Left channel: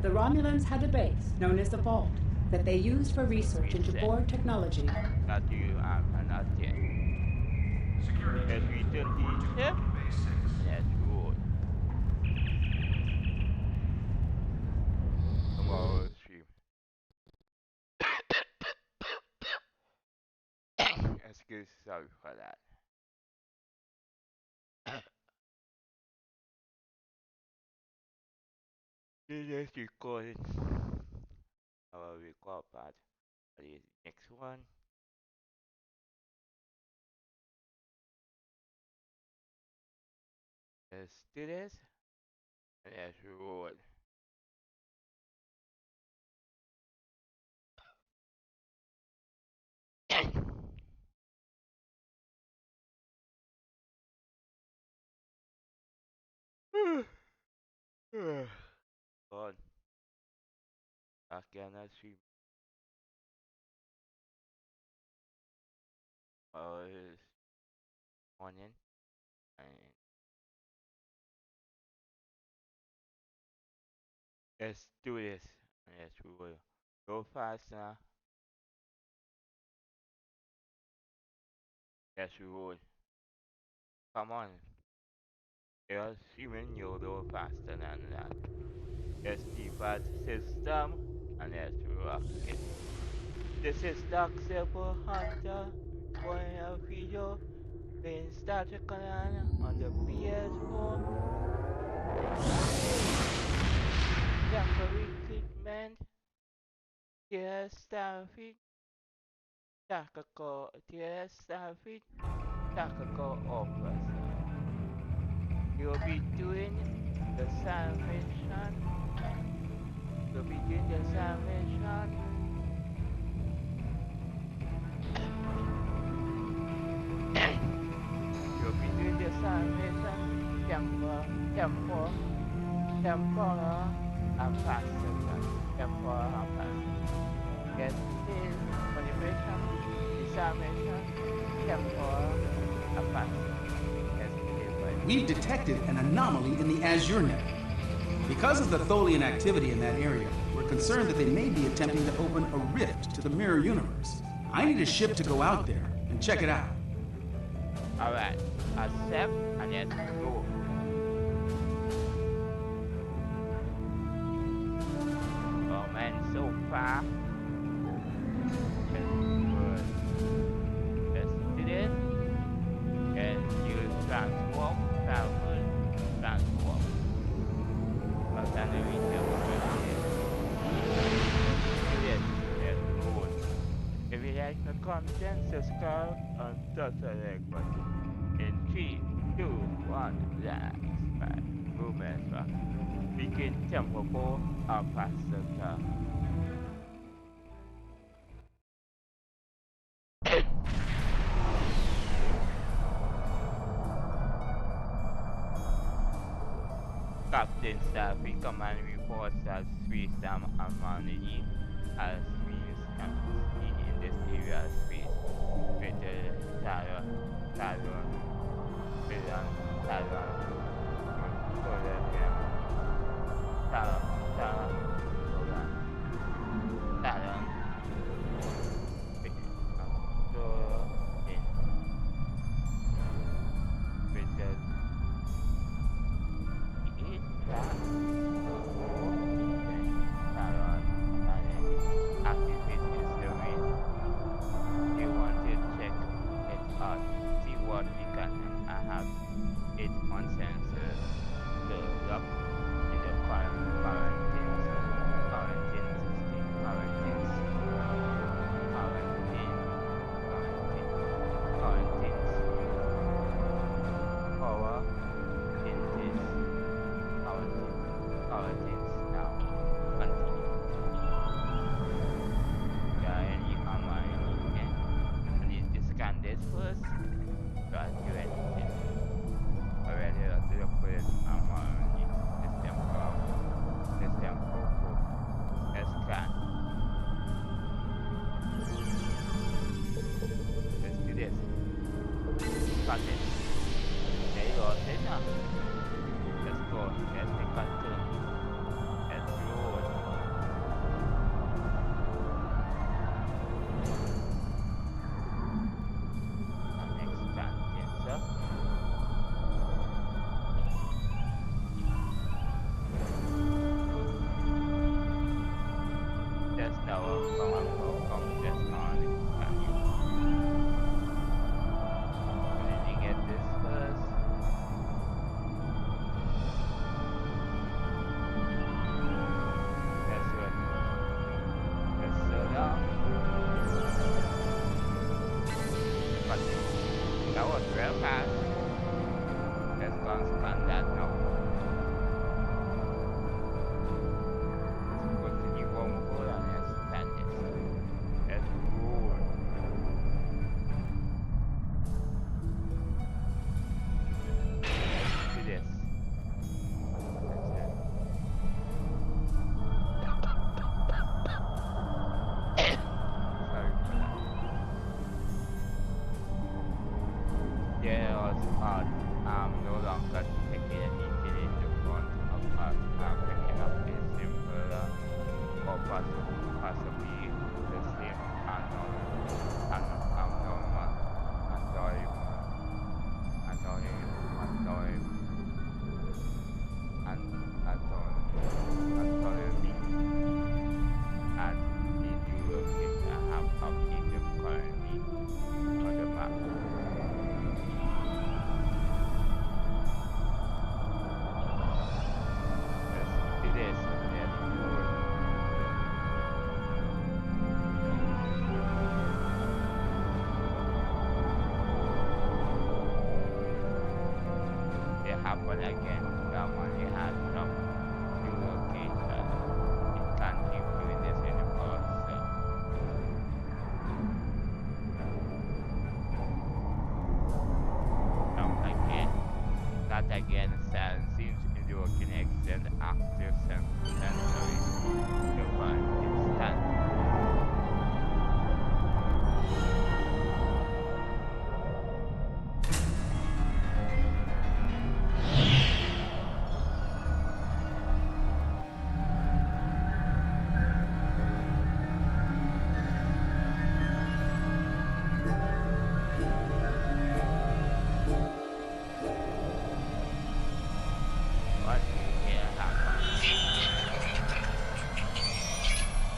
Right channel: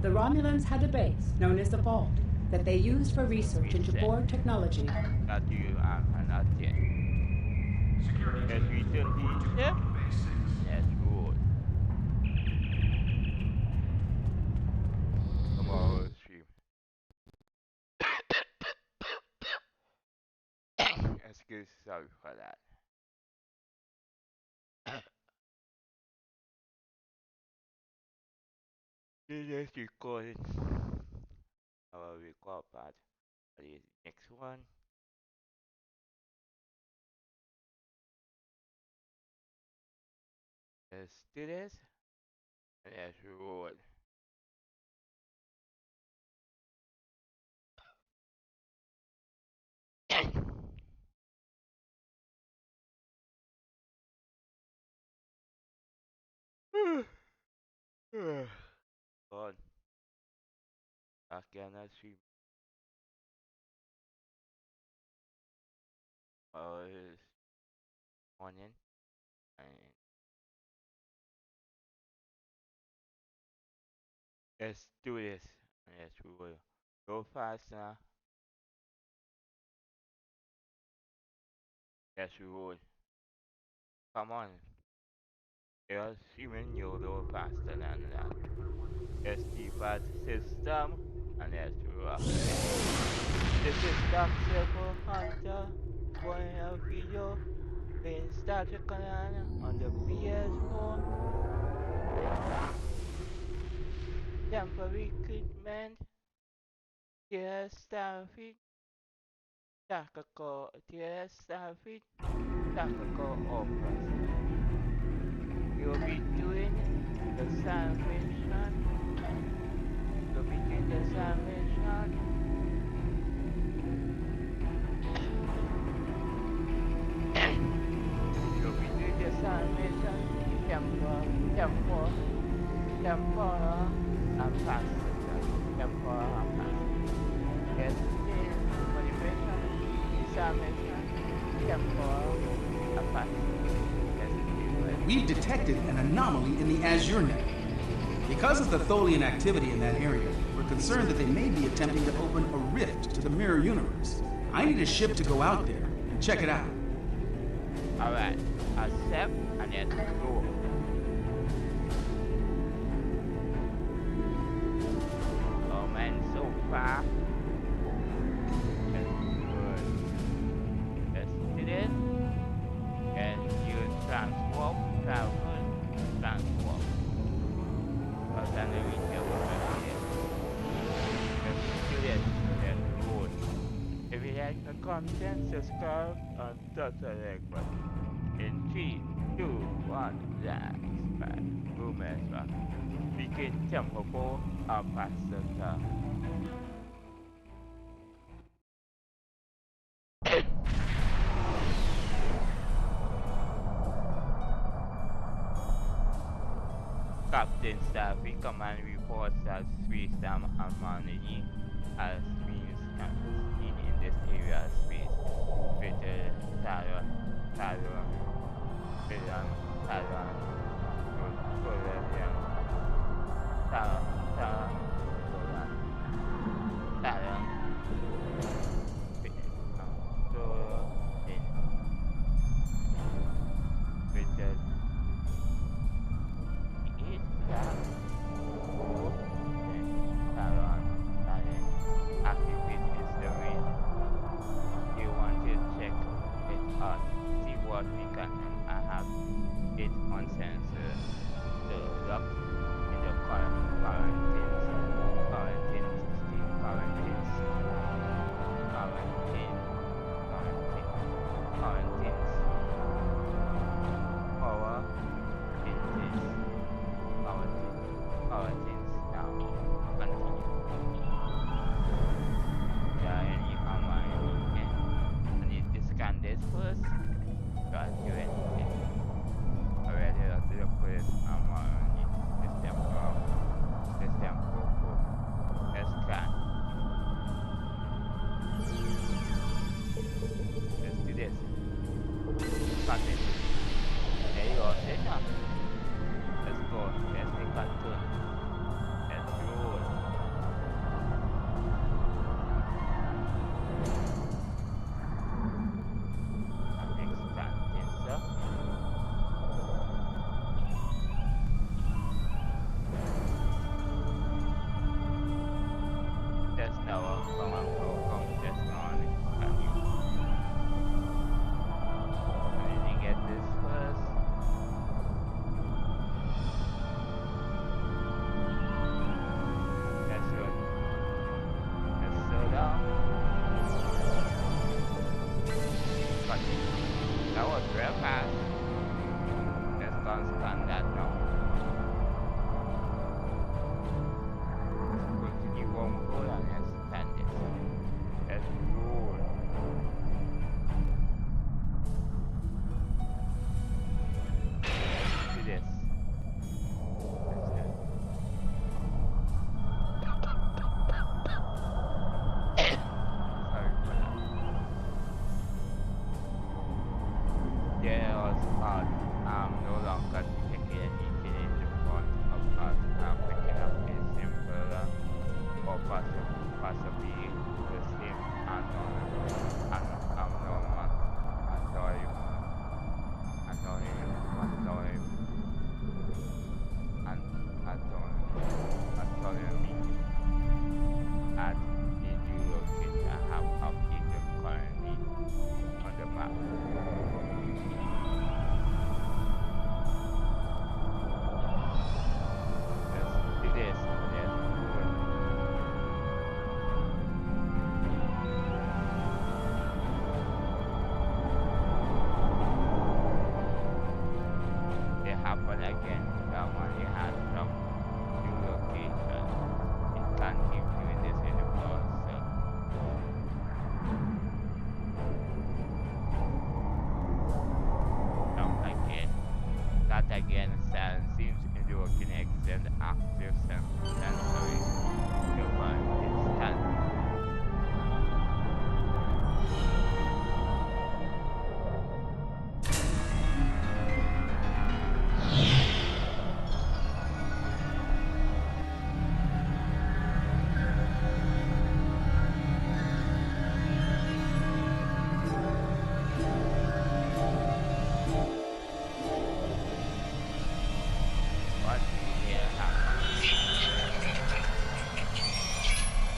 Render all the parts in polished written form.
The Romulans had a base known as the Vault that they used for research into Borg technology. That you cannot change. Let's return to the ship. Let's roll. Tomorrow's stream. Excuse, sorry for that. This is recording. I will record part for the next one. Let's do this. And let's roll. On. Again, I stream. Is morning. And let's do this. And let's roll. Go faster. Let's roll. Come on. You're streaming, you'll go faster than that. Let's depart system. And let's roll again. This is Dark Silver Hunter. Going a video playing startrek on the ps4. Temporal recruitment. Dear Starfleet. Tacial. Dear Starfleet. Tacial officer. You'll be doing the salvation. You'll be doing the salvation. You'll be doing the salvation. Temporal and passenger. Temporal and passenger. Yes, this motivation, disarmation, temporal and passenger. Yes, we've detected an anomaly in the Azure net. Because of the Tholian activity in that area, we're concerned that they may be attempting to open a rift to the mirror universe. I need a ship to go out there and check it out. Alright, accept and let's go. Oh man, so far. Just good. Let's do this. And use transwarp, transwarp. Because then we can do this. Let's roll. If you like the content, subscribe and touch the like button. In 3, 2, 1, let's back. Movement back. Begin temporal and passenger. Captain Starfleet Command reports that space time anomaly has been seen in this area of space with the Talon, activate its domain. You want to check it out, see what we can, and I have it on sensor. The lock in the quarantines, power quarantines now. Continue. Yeah, any armor, anything. I need to scan this first. Can't do anything. Already, let's look for this armor. This temporal. Let's scan. Let's do this. Cut it. There you go, sit now. Let's go. Let's make a turn. Yes, now come and welcome this morning. Can you? Did you get this first? Yes, good. Yes, slow down. But that was real fast. Let's go and scan that now. Let's continue one forward and let's scan this. Let's roll. Do this. That's it. Sorry for that. There was part. I'm no longer detecting anything in the front of us. I'm picking up a simple or possibly the same abnormal, autonomy at the new location I have updated currently on the map. Let's do this. Let's roll. It happened again. Someone you had some new location. It can't keep doing this anymore. So jump again. Not again. Sound seems to be working extend active sensory. The one instant. What do you hear happen?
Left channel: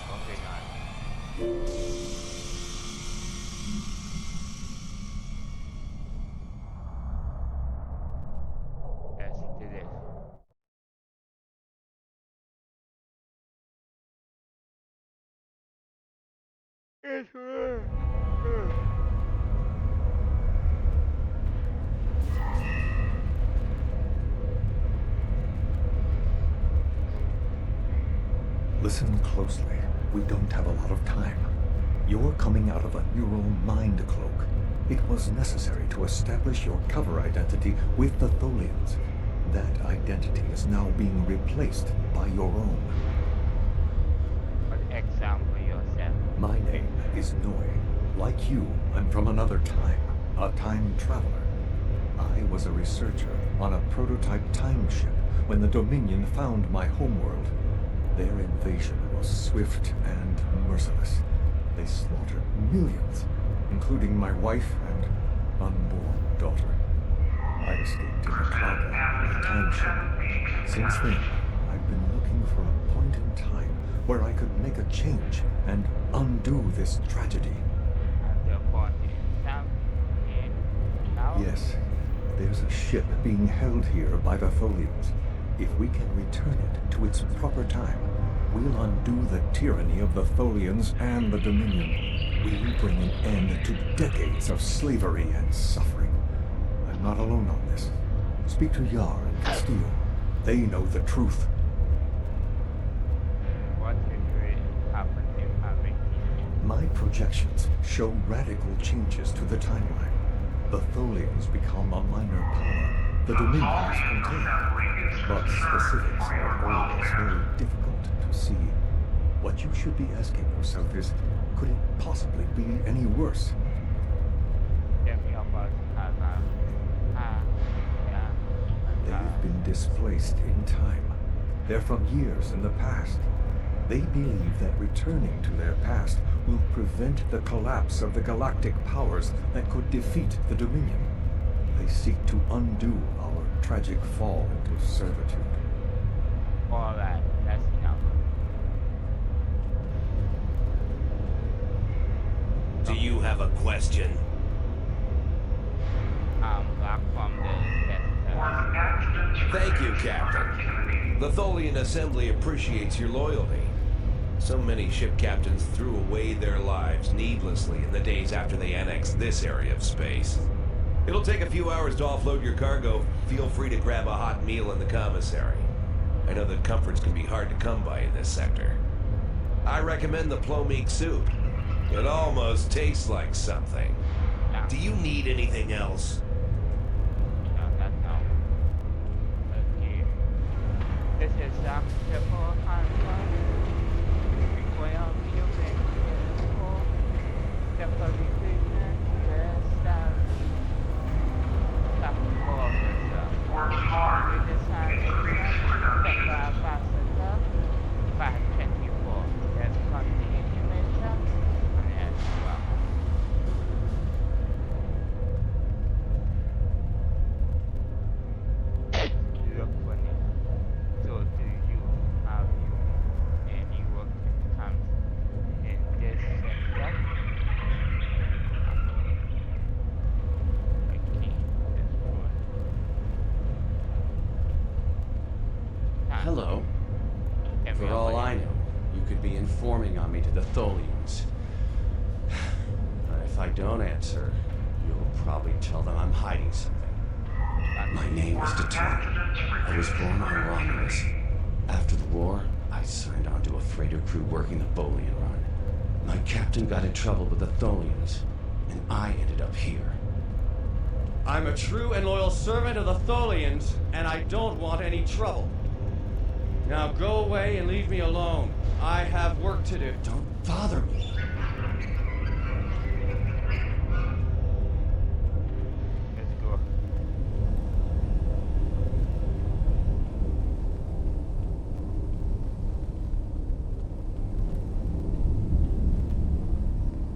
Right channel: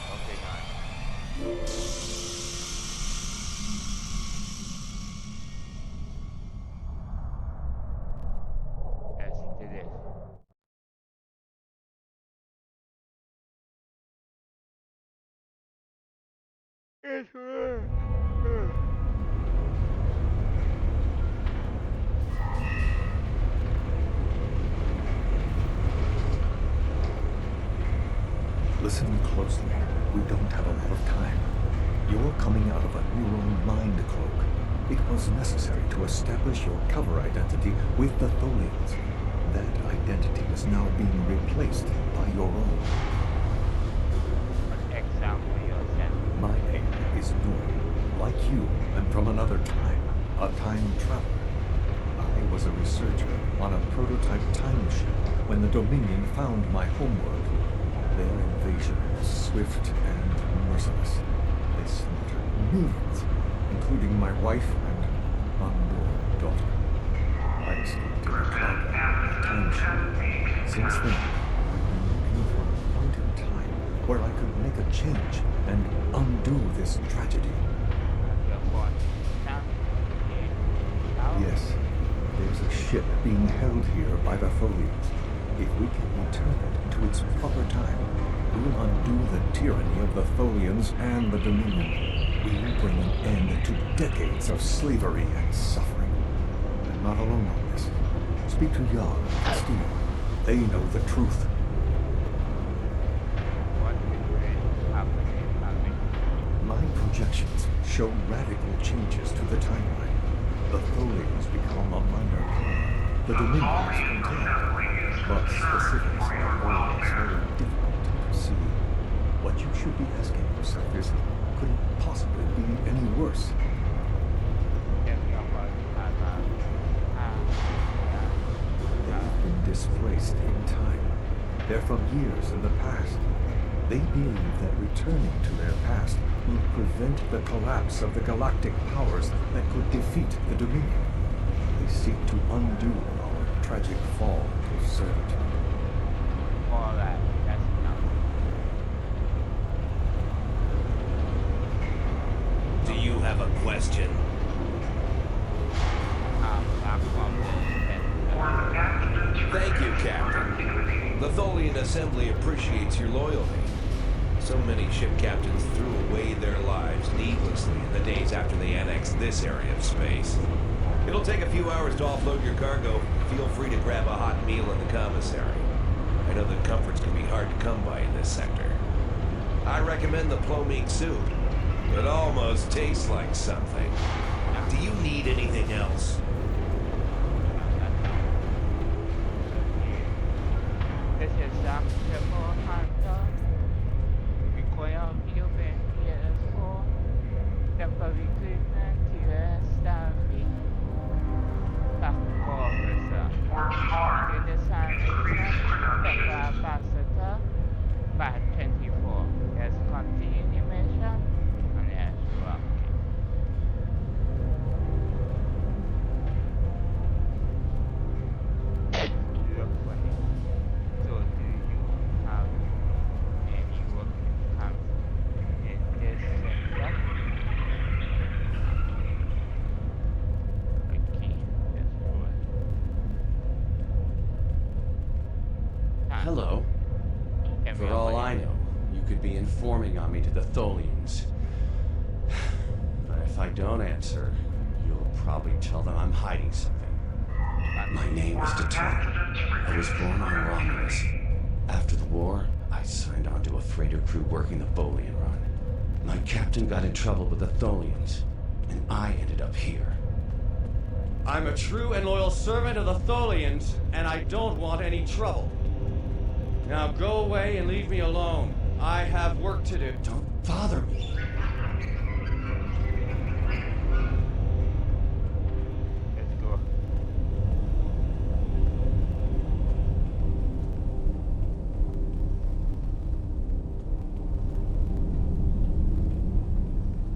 Moving on. Let's do this. It's Listen closely. We don't have a lot of time. You're coming out of a neural mind cloak. It was necessary to establish your cover identity with the Tholians. That identity is now being replaced by your own. an example yourself. My name is Noi. Like you, I'm from another time, a time traveler. I was a researcher on a prototype time ship when the Dominion found my homeworld. Their invasion was swift and merciless. They slaughtered millions, including my wife and unborn daughter. I escaped in a cloud time ship. Since then, I've been looking for a point in time where I could make a change and undo this tragedy. At your point in time, here, now. Yes, there's a ship being held here by the Tholians. If we can return it to its proper time, we'll undo the tyranny of the Tholians and the Dominion. We'll bring an end to decades of slavery and suffering. I'm not alone on this. Speak to Yar and Castillo. They know the truth. What will really happen in Malvin? My projections show radical changes to the timeline. The Tholians become a minor power. The Dominion is contained. But specifics are always very difficult to see. What you should be asking yourself is, could it possibly be any worse? Tell me about They've been displaced in time. They're from years in the past. They believe that returning to their past will prevent the collapse of the galactic powers that could defeat the Dominion. They seek to undo our tragic fall into servitude. Alright, that's enough. question. I'm back from the test. Thank you, Captain. The Tholian Assembly appreciates your loyalty. So many ship captains threw away their lives needlessly in the days after they annexed this area of space. It'll take a few hours to offload your cargo. Feel free to grab a hot meal in the commissary. I know that comforts can be hard to come by in this sector. I recommend the plomeek soup. It almost tastes like something. Do you need anything else? Okay. This is Dr. Hunter. Require building ps4. Temporal recruitment to starfleet. Tactical officer. You design temporal capacitor. 524. There's continuation. And yes, well. You look funny. So do you have any work comes in this sector? Okay, that's good. Hello. Can we For all open I it? know, you could be informing on me to the Tholians. But if I don't answer, you'll probably tell them I'm hiding something. My name is tacial. I was born on Romulus. After the war, I signed on to a freighter crew working the Tholian run. My captain got in trouble with the Tholians, and I ended up here. I'm a true and loyal servant of the Tholians, and I don't want any trouble. Now go away and leave me alone. I have work to do. Don't bother me. Let's go.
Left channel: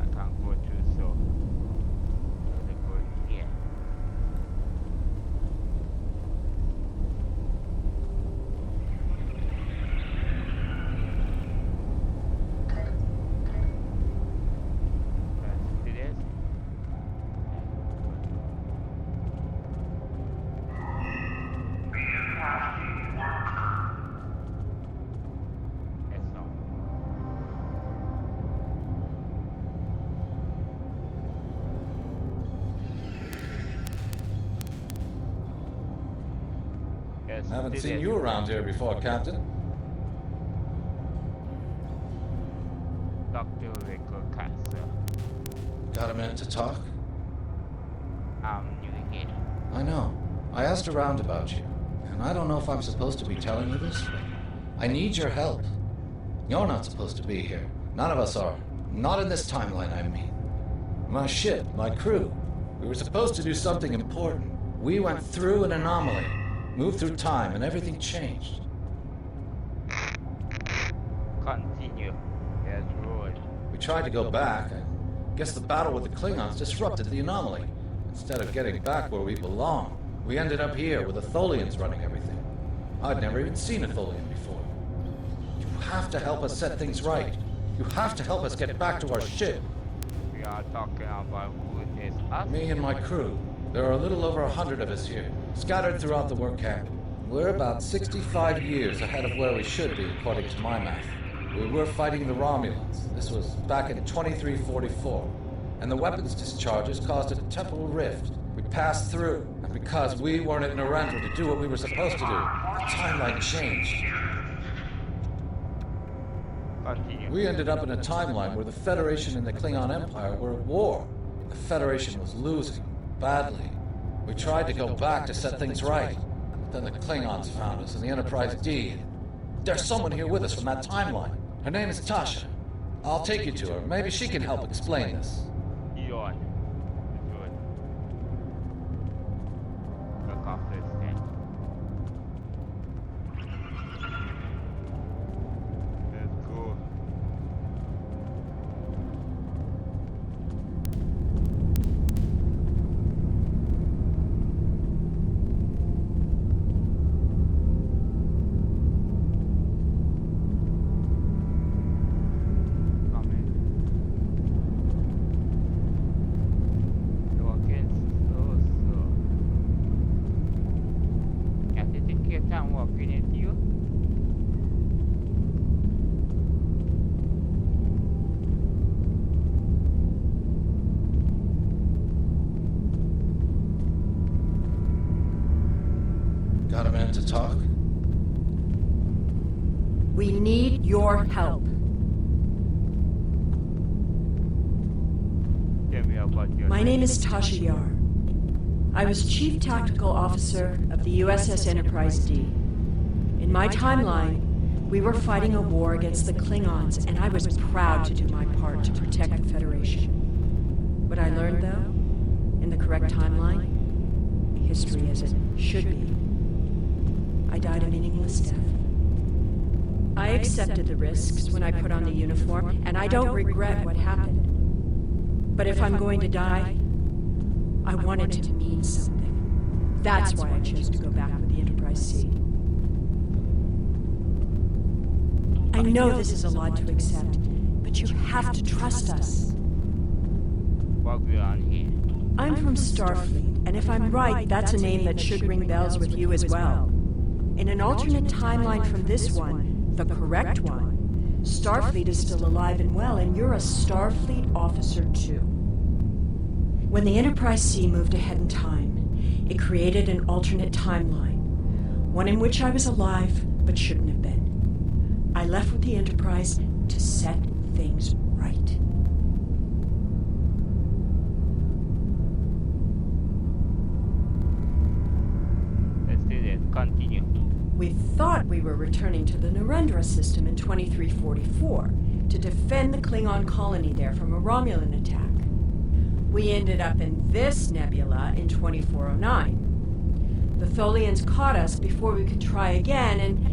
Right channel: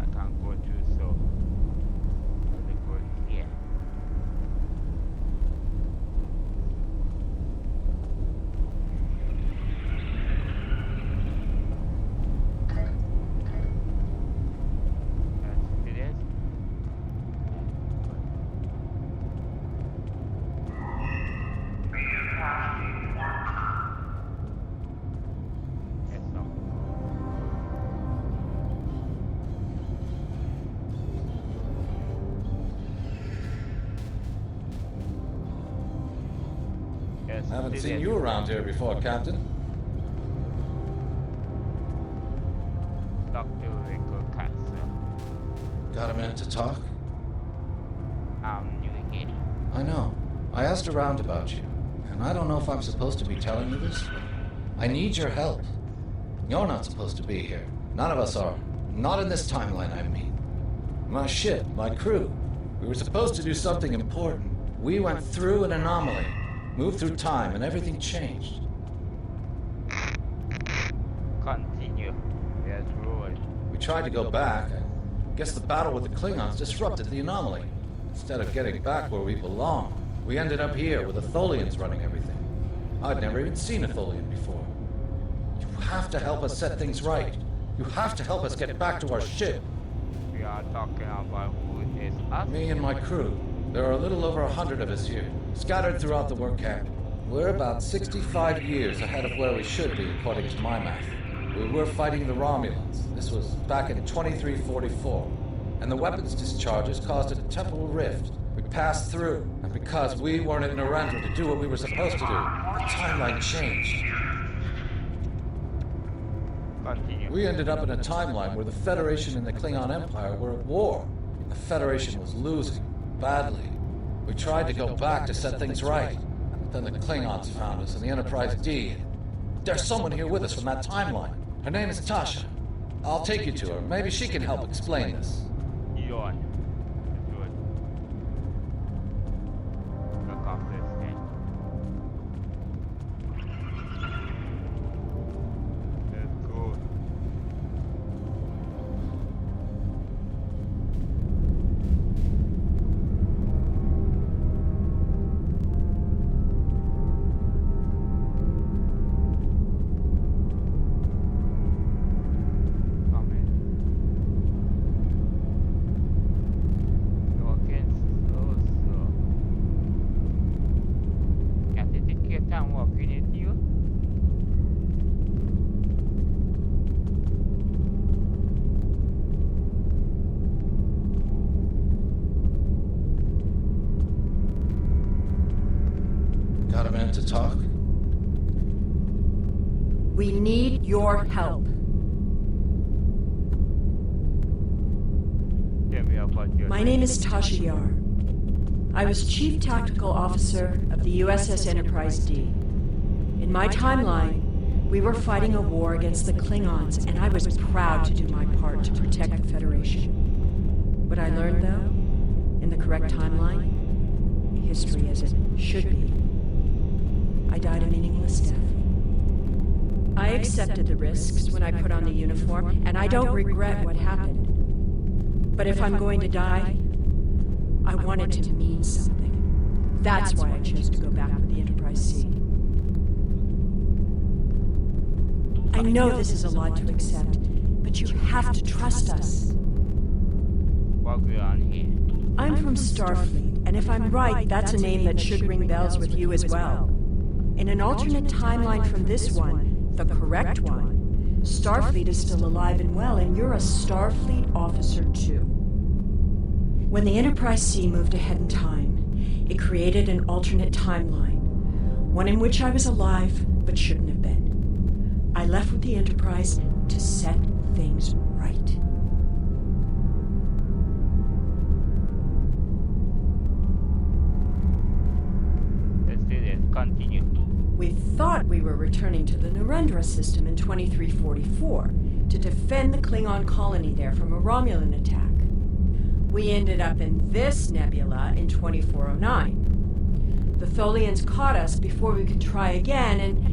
I can't go through, so let's go here. Let's do this. Yes, so. Yes, Haven't do seen this. you around here before, Captain. Dr. Rico Castle. Got a minute to talk? I'm new here. I know. I asked around about you, and I don't know if I'm supposed to be telling you this, but I need your help. You're not supposed to be here. None of us are. Not in this timeline, I mean. My ship, my crew. We were supposed to do something important. We went through an anomaly, moved through time, and everything changed. Continue. Yes, roll. We tried to go back. I guess the battle with the Klingons disrupted the anomaly. Instead of getting back where we belong, we ended up here with the Tholians running everything. I'd never even seen a Tholian before. You have to help us set things right. You have to help us get back to our ship. We are talking about who is us. Me and my crew. There are a little over 100 of us here, scattered throughout the work camp. We're about 65 years ahead of where we should be, according to my math. We were fighting the Romulans. This was back in 2344. And the weapons discharges caused a temporal rift. We passed through, and because we weren't in Narendra to do what we were supposed to do, the timeline changed. Continue. We ended up in a timeline where the Federation and the Klingon Empire were at war. The Federation was losing, badly. We tried to go back to set things right, but then the Klingons found us and the Enterprise D. There's someone here with us from that timeline. Her name is Tasha. I'll take you to her. Maybe she can help explain this. Yawn. Good. Accomplish that. Let's go. Come in. to talk? We need your help. Tell me about your My name is tacial. I was Chief Tactical Officer of the USS Enterprise D. In my timeline, we were fighting a war against the Klingons, and I was proud to do my part to protect the Federation. What I learned, though, in the correct timeline, history as it should be, I died a meaningless death. I accepted the risks when I put on the uniform, and I don't regret what happened. But if I'm going to die, I want it to mean something. That's why I chose to go back with the Enterprise C. I know this is a lot to accept, but you have to trust us. what we're on here. I'm from Starfleet, and if I'm right, that's a name that should ring bells with you as well. In an alternate timeline from this one, the correct one, Starfleet is still alive and well, and you're a Starfleet officer too. When the Enterprise C moved ahead in time, it created an alternate timeline, one in which I was alive but shouldn't have been. I left with the Enterprise to set things right. Let's do this. Continue. We thought we were returning to the Narendra system in 2344 to defend the Klingon colony there from a Romulan attack. We ended up in this nebula in 2409. The Tholians caught us before we could try again, and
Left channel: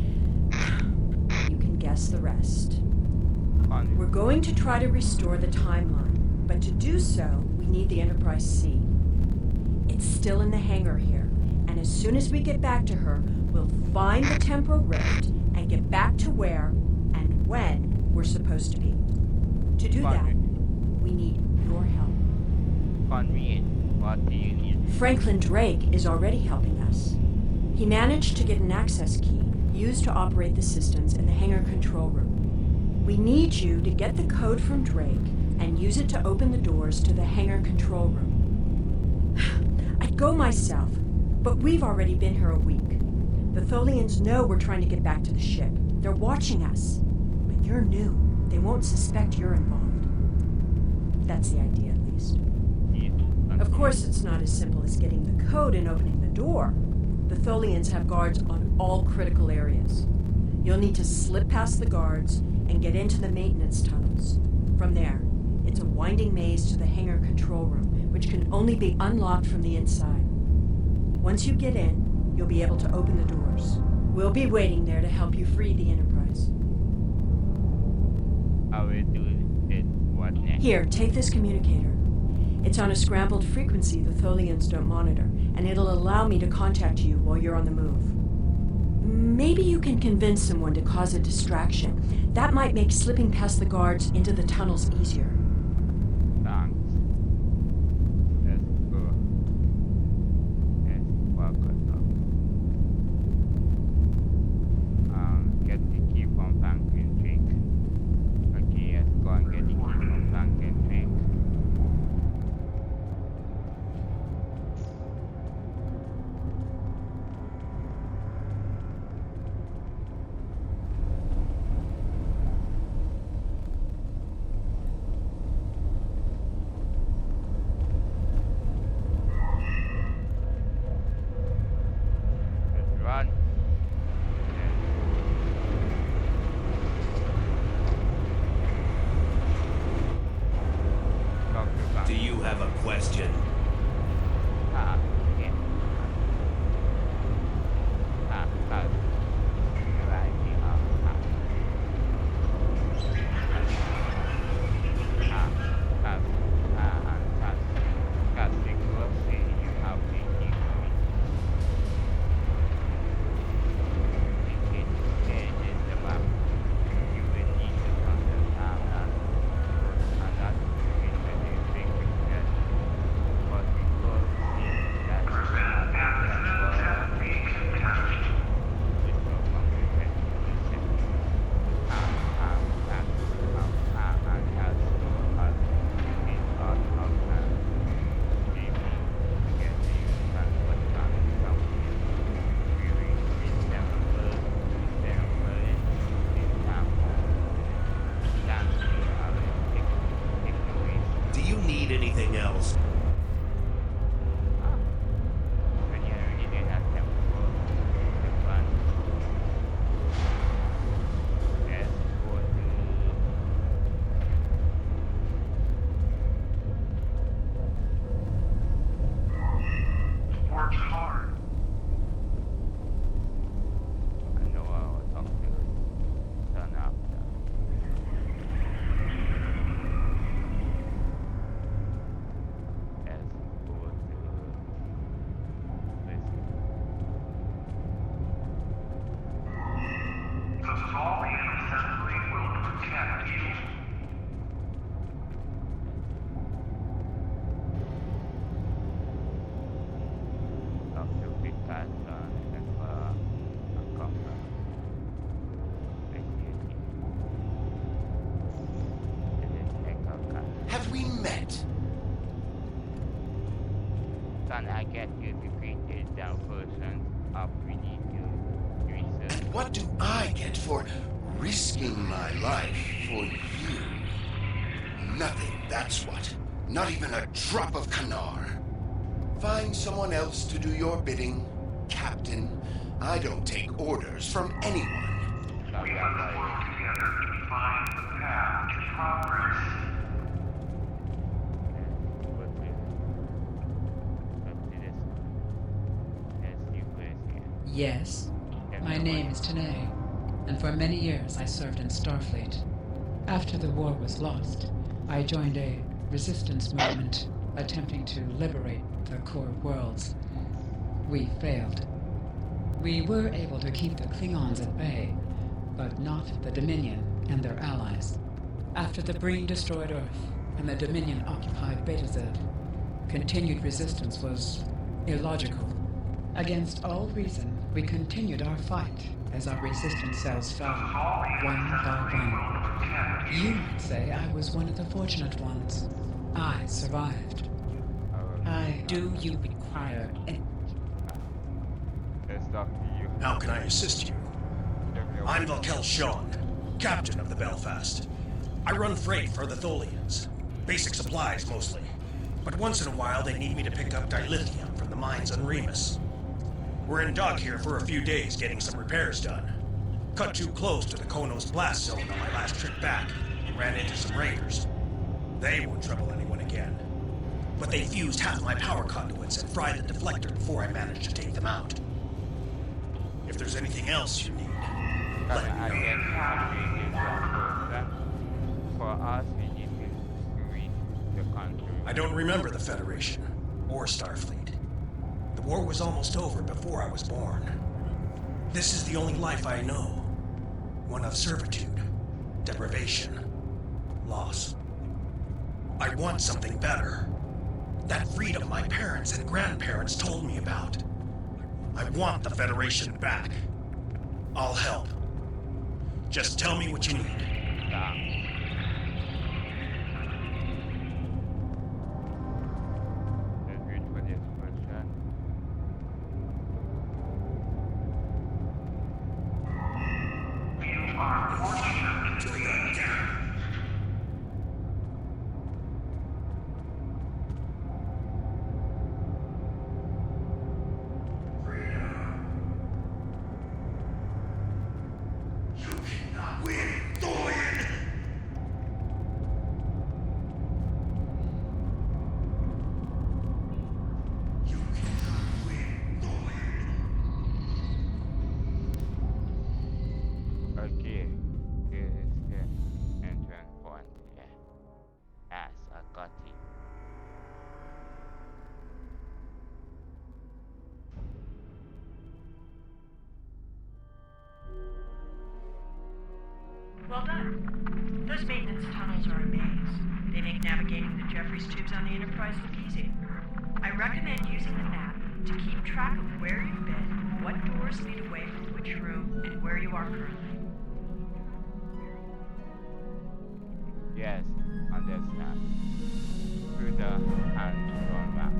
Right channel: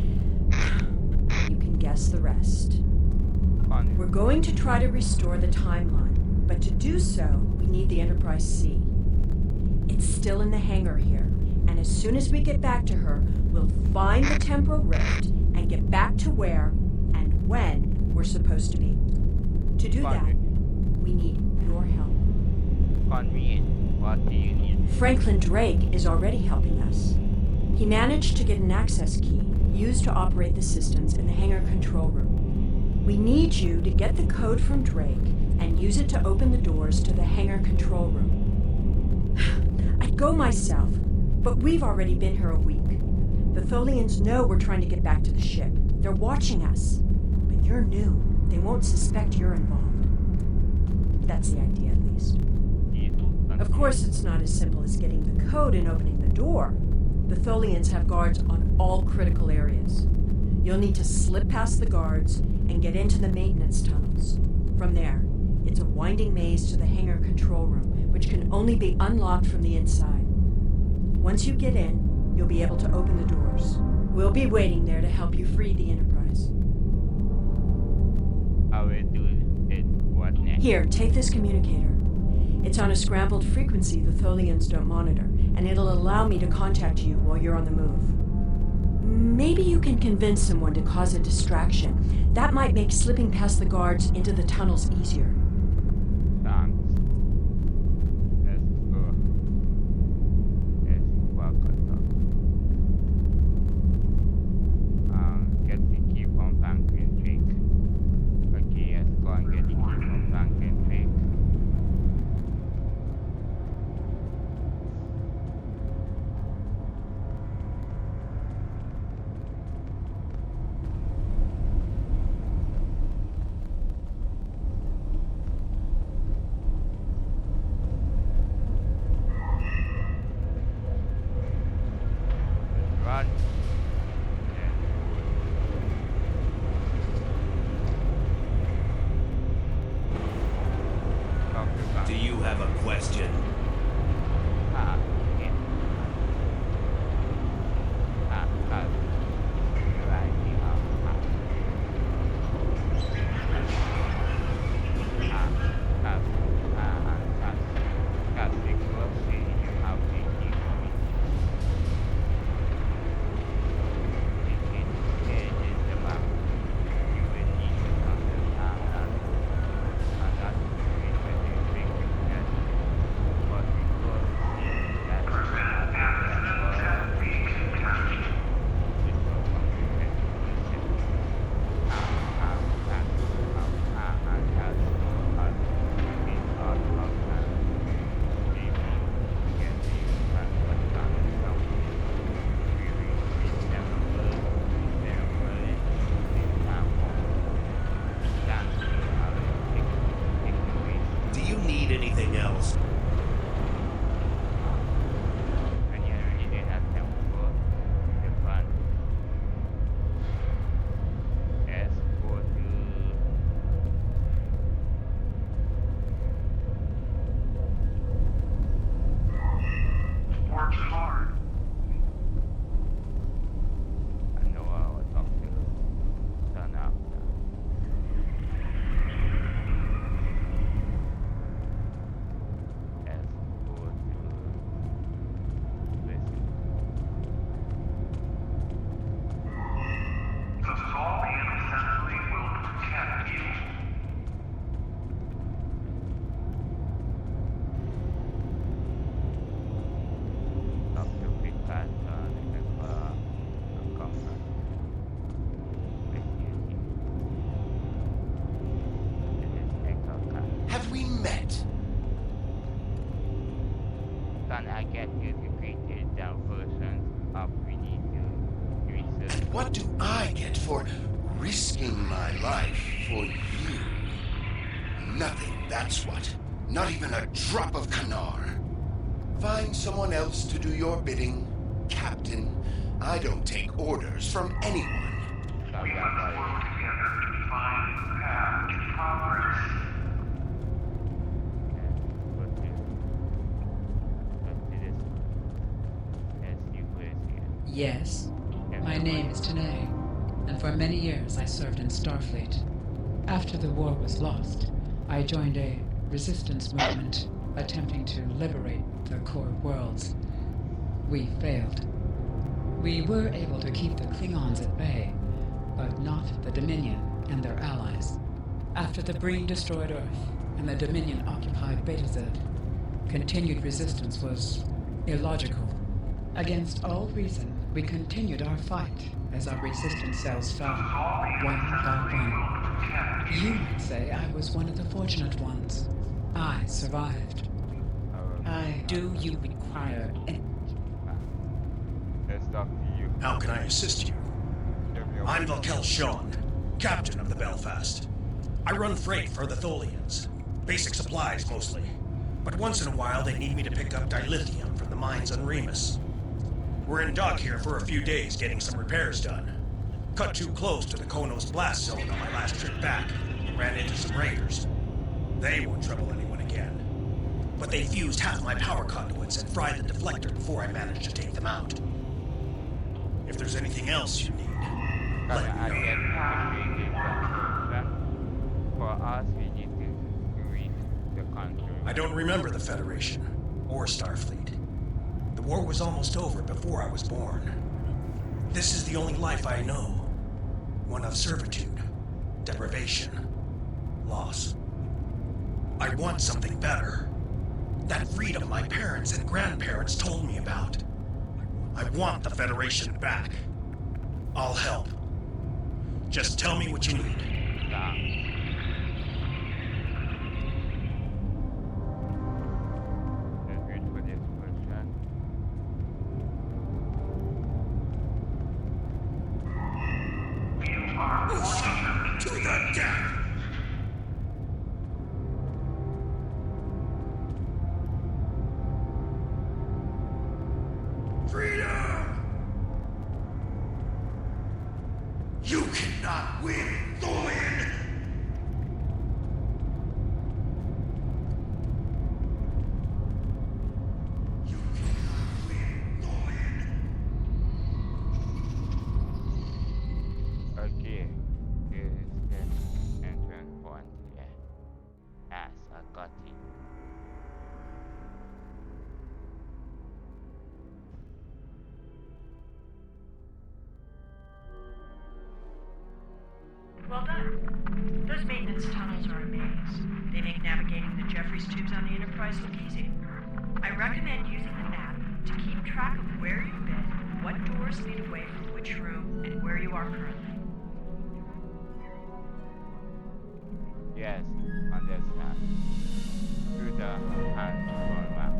you can guess the rest. Continue. We're going to try to restore the timeline, but to do so, we need the Enterprise C. It's still in the hangar here, and as soon as we get back to her, we'll find the temporal rift and get back to where and when we're supposed to be. To do that, we need your help. Convenient. What do you need? Franklin Drake is already helping us. He managed to get an access key used to operate the systems in the hangar control room. We need you to get the code from Drake and use it to open the doors to the hangar control room. I'd go myself, but we've already been here a week. The Tholians know we're trying to get back to the ship. They're watching us. But you're new. They won't suspect you're involved. That's the idea, at least. Yes. Of course, it's not as simple as getting the code and opening the door. The Tholians have guards on all critical areas. You'll need to slip past the guards and get into the maintenance tunnels. From there, it's a winding maze to the hangar control room, which can only be unlocked from the inside. Once you get in, you'll be able to open the doors. We'll be waiting there to help you free the Enterprise. I will do it. What next? Here, take this communicator. It's on a scrambled frequency the Tholians don't monitor, and it'll allow me to contact you while you're on the move. Maybe you can convince someone to cause a distraction. That might make slipping past the guards into the tunnels easier. Thanks. Let's go. Let's walk us up. Get the key from Franklin Drake. Okay, let's go and get the key from Franklin Drake. met. Can I get you to create down versions of we need to research? And what do I get for risking my life for you? Nothing, that's what. Not even a drop of Kanar. Find someone else to do your bidding, Captain. I don't take orders from anyone. We must work together to find the path to progress. Yes, my name is Tanae, and for many years I served in Starfleet. After the war was lost, I joined a resistance movement attempting to liberate the core worlds. We failed. We were able to keep the Klingons at bay, but not the Dominion and their allies. After the Breen destroyed Earth and the Dominion occupied Betazed, continued resistance was illogical. Against all reason, we continued our fight as our resistance cells fell, one by one. You might say I was one of the fortunate ones. I survived. Do you require any... Let's talk to you. How can I assist you? I'm Valkel Shawn, captain of the Belfast. I run freight for the Tholians. Basic supplies, mostly. But once in a while, they need me to pick up dilithium from the mines on Remus. We're in dock here for a few days getting some repairs done. Cut too close to the Konos blast zone on my last trip back and ran into some raiders. They won't trouble anyone again. But they fused half my power conduits and fried the deflector before I managed to take them out. If there's anything else you need, let me know. For us, we need to reach the country. I don't remember the Federation or Starfleet. The war was almost over before I was born. This is the only life I know. One of servitude, deprivation, loss. I want something better. That freedom my parents and grandparents told me about. I want the Federation back. I'll help. Just tell me what you need. Let's wait for this question. You are fortunate. To the death! Freedom! You cannot win, Tholian! You cannot win, Tholian! Okay, here is the entrance point. Yeah. Yes, I got it. Well done. Those maintenance tunnels are a maze. They make navigating the Jeffries tubes on the Enterprise look easy. I recommend using the map to keep track of where you've been, what doors lead away from which room, and where you are currently. Yes, understand. Through the hand-drawn map.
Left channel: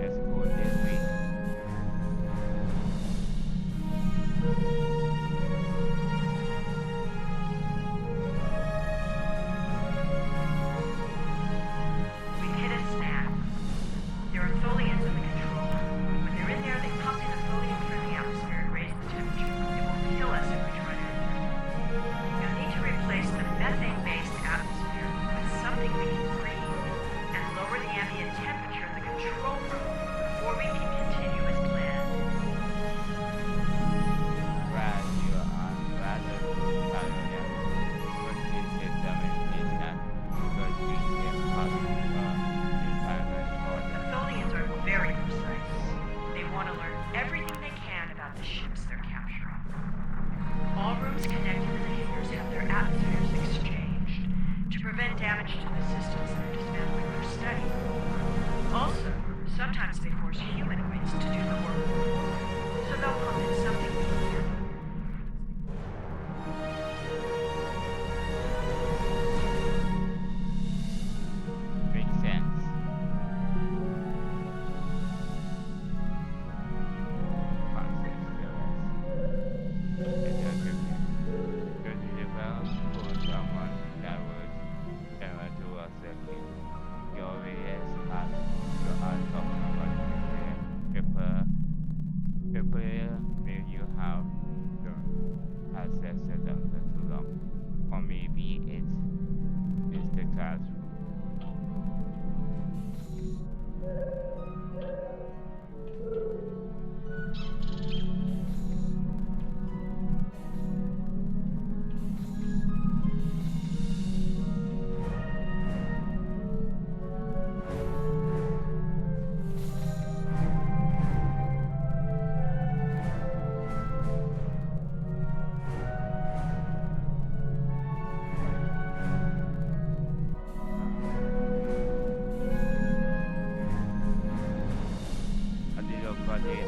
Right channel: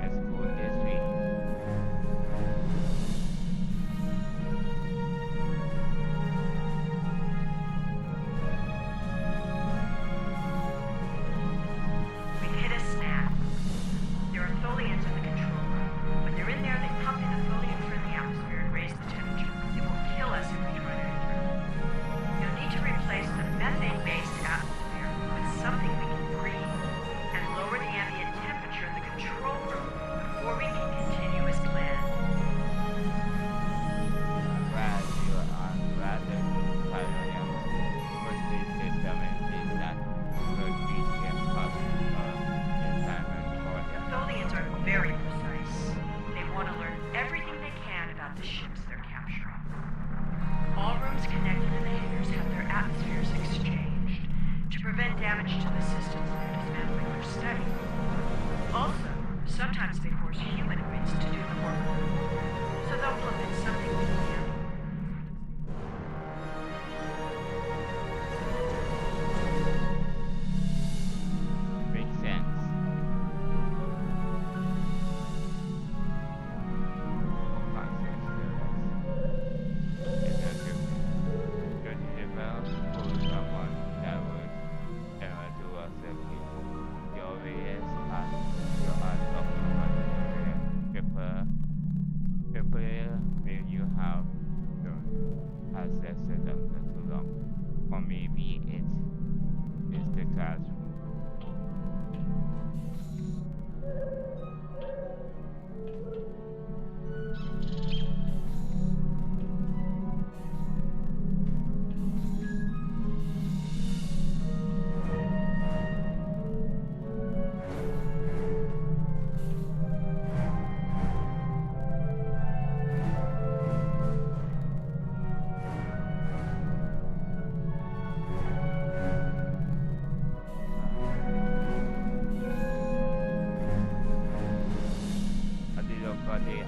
Let's go this way. We've hit a snag. There are Tholians in the control room. When they're in there, they pump in a Tholian-friendly atmosphere and raise the temperature. It will kill us if we try to enter. You'll need to replace the methane-based atmosphere with something we can breathe and lower the ambient temperature in the control room before we can continue as planned. While you are rather Italian, what this system is that could be a environment for The them. Tholians are very precise. They want to learn everything they can about the ships they're capturing. All rooms connected to the hangars have their atmospheres exchanged. to prevent damage to the systems they're dismantling or studying. Also, sometimes they force humanoids to do the work for them, so they'll pump in something we can handle. Makes sense. Access to them for too long. Or maybe it's the classroom. A little body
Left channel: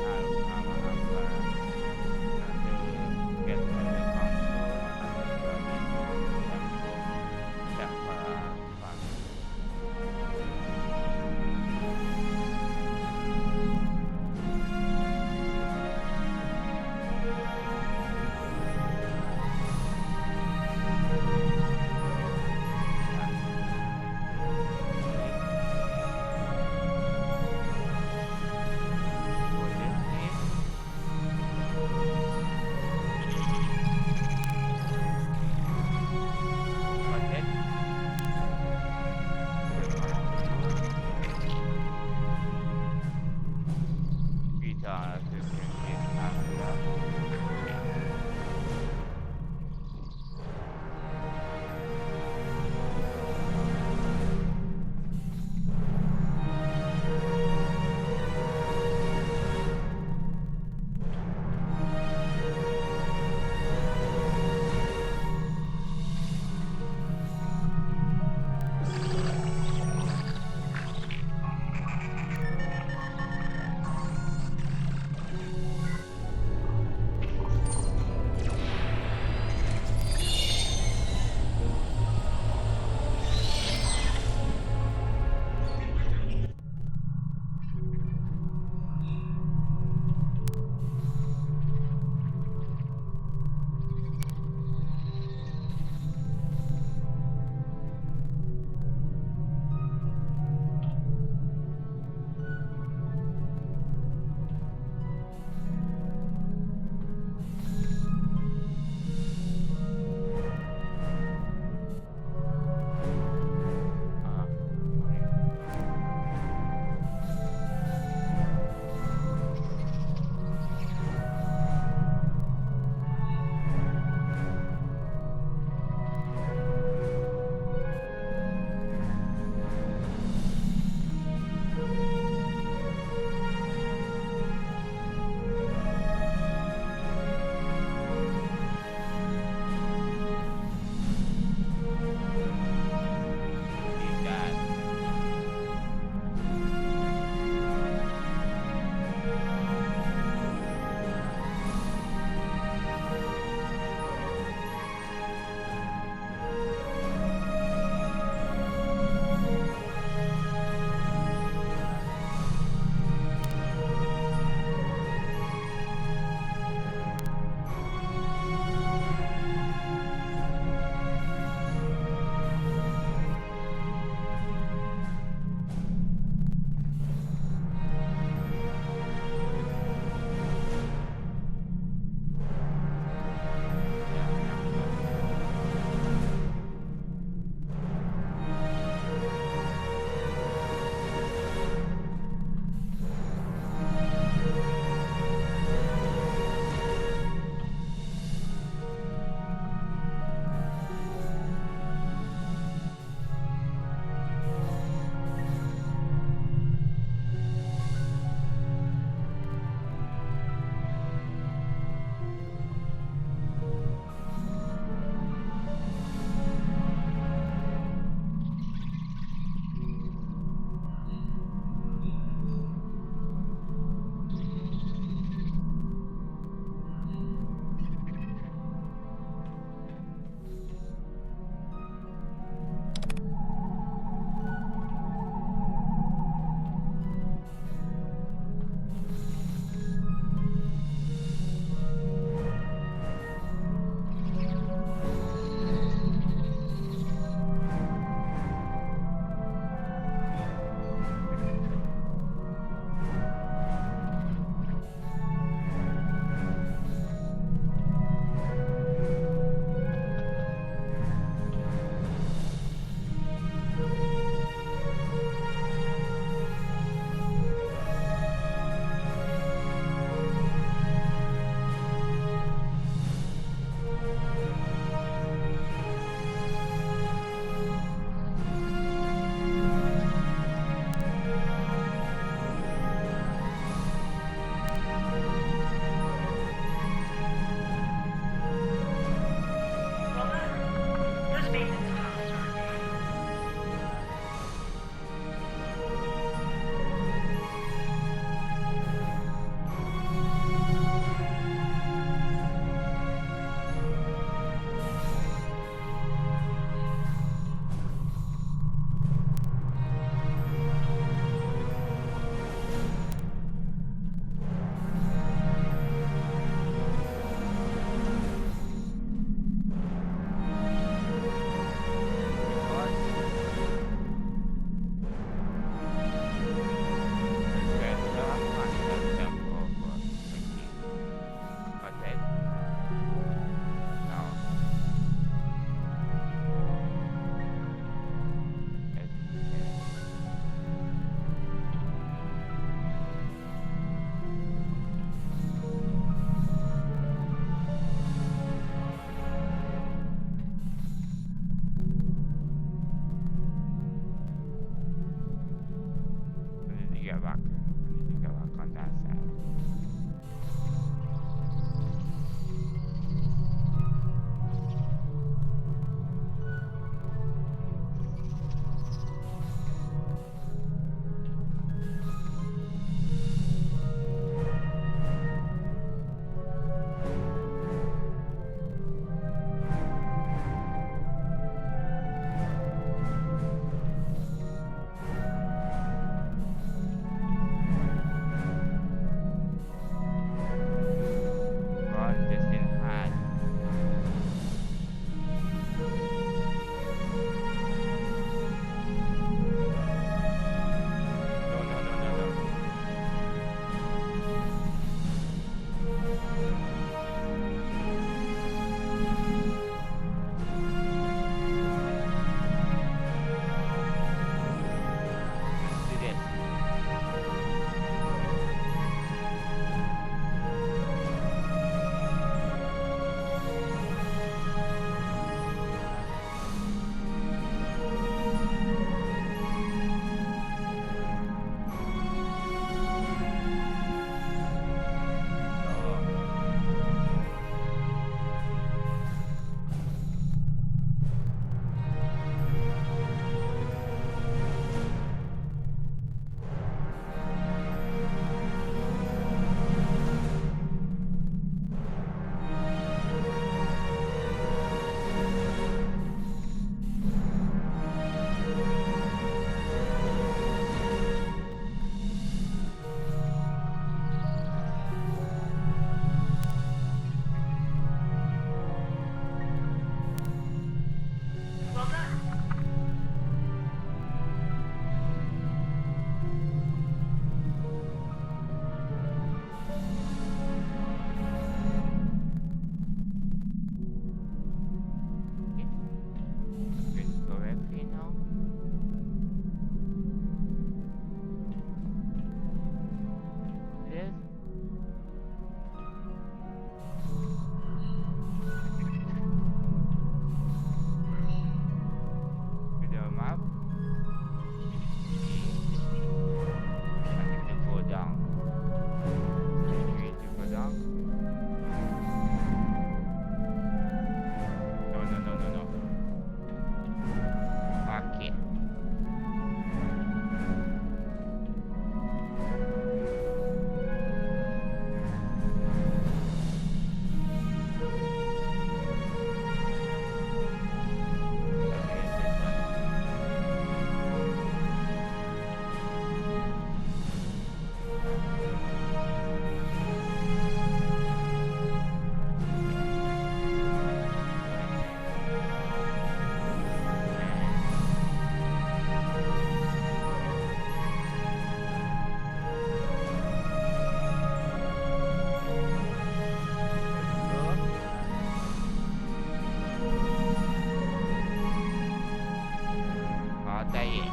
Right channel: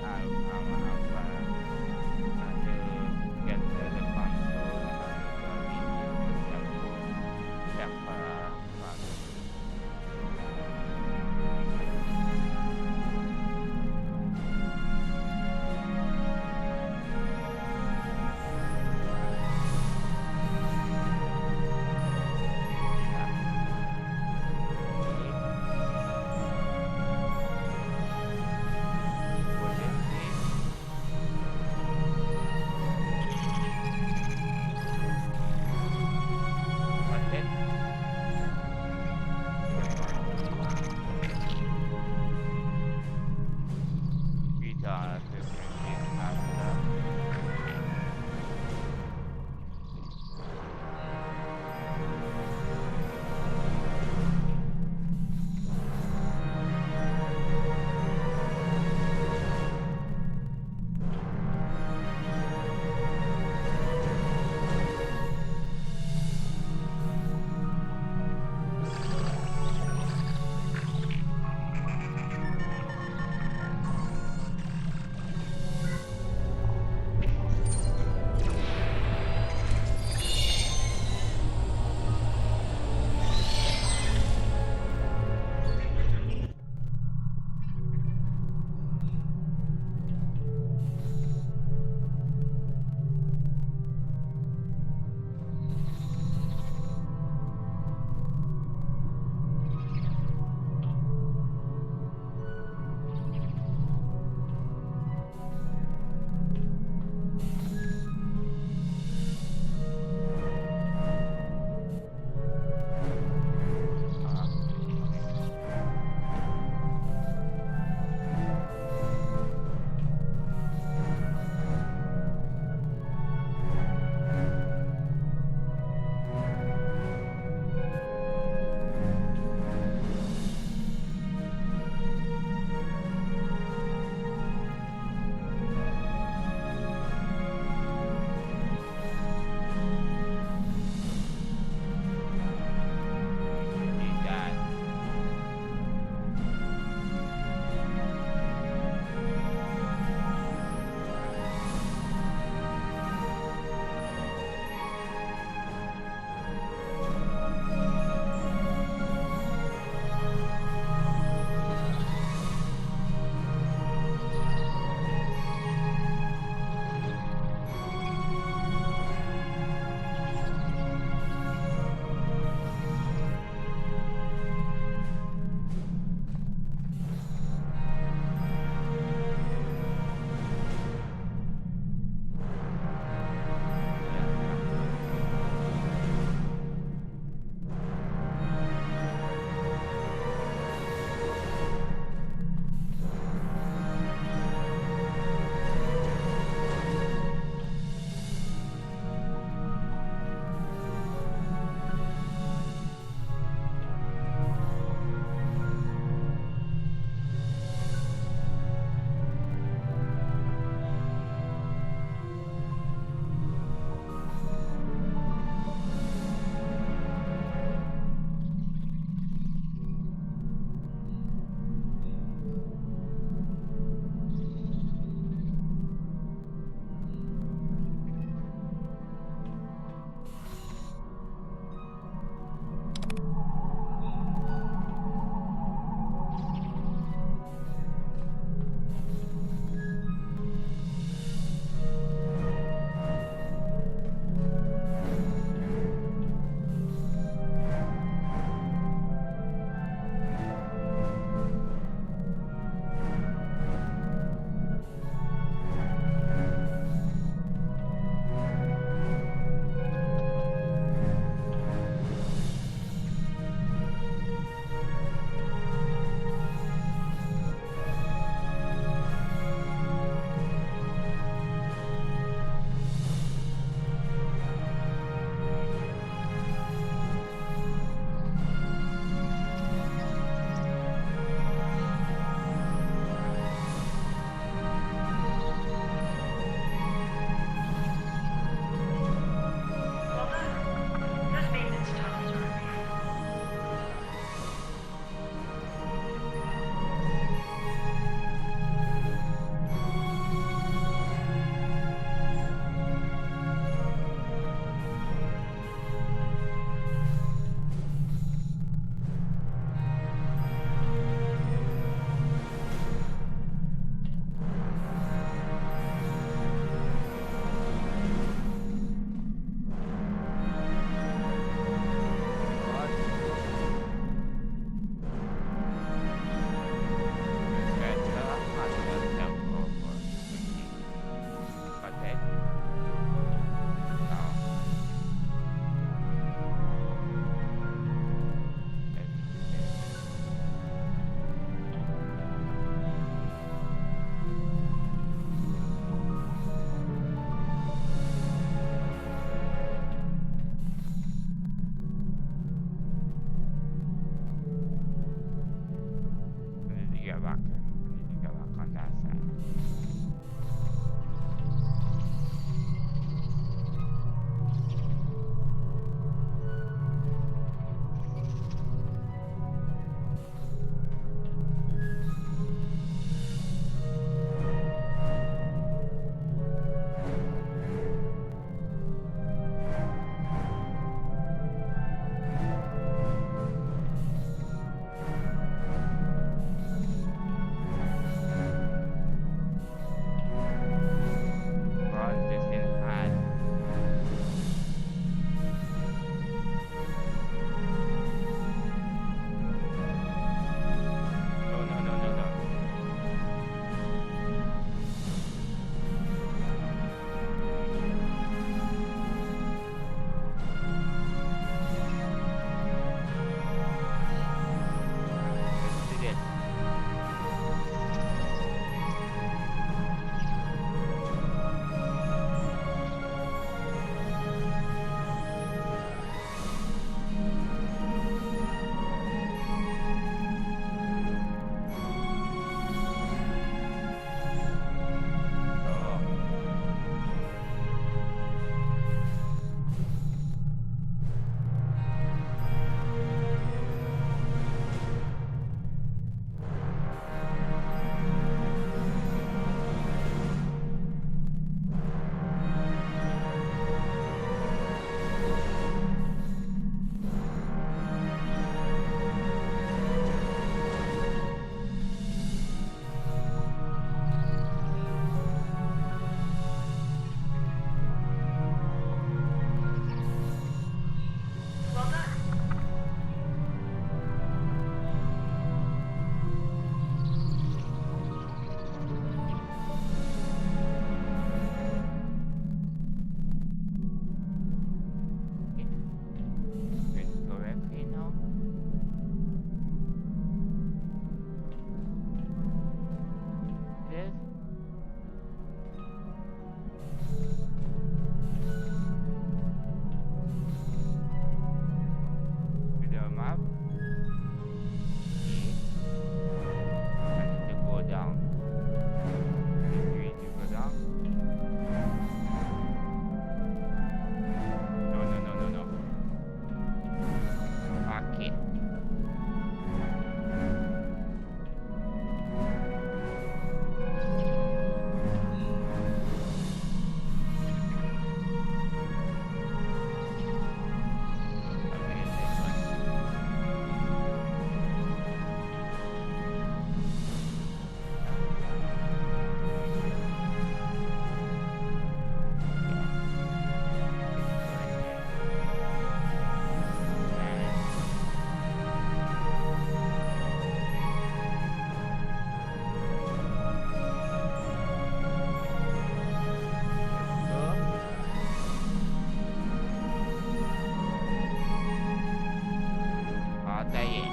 saying.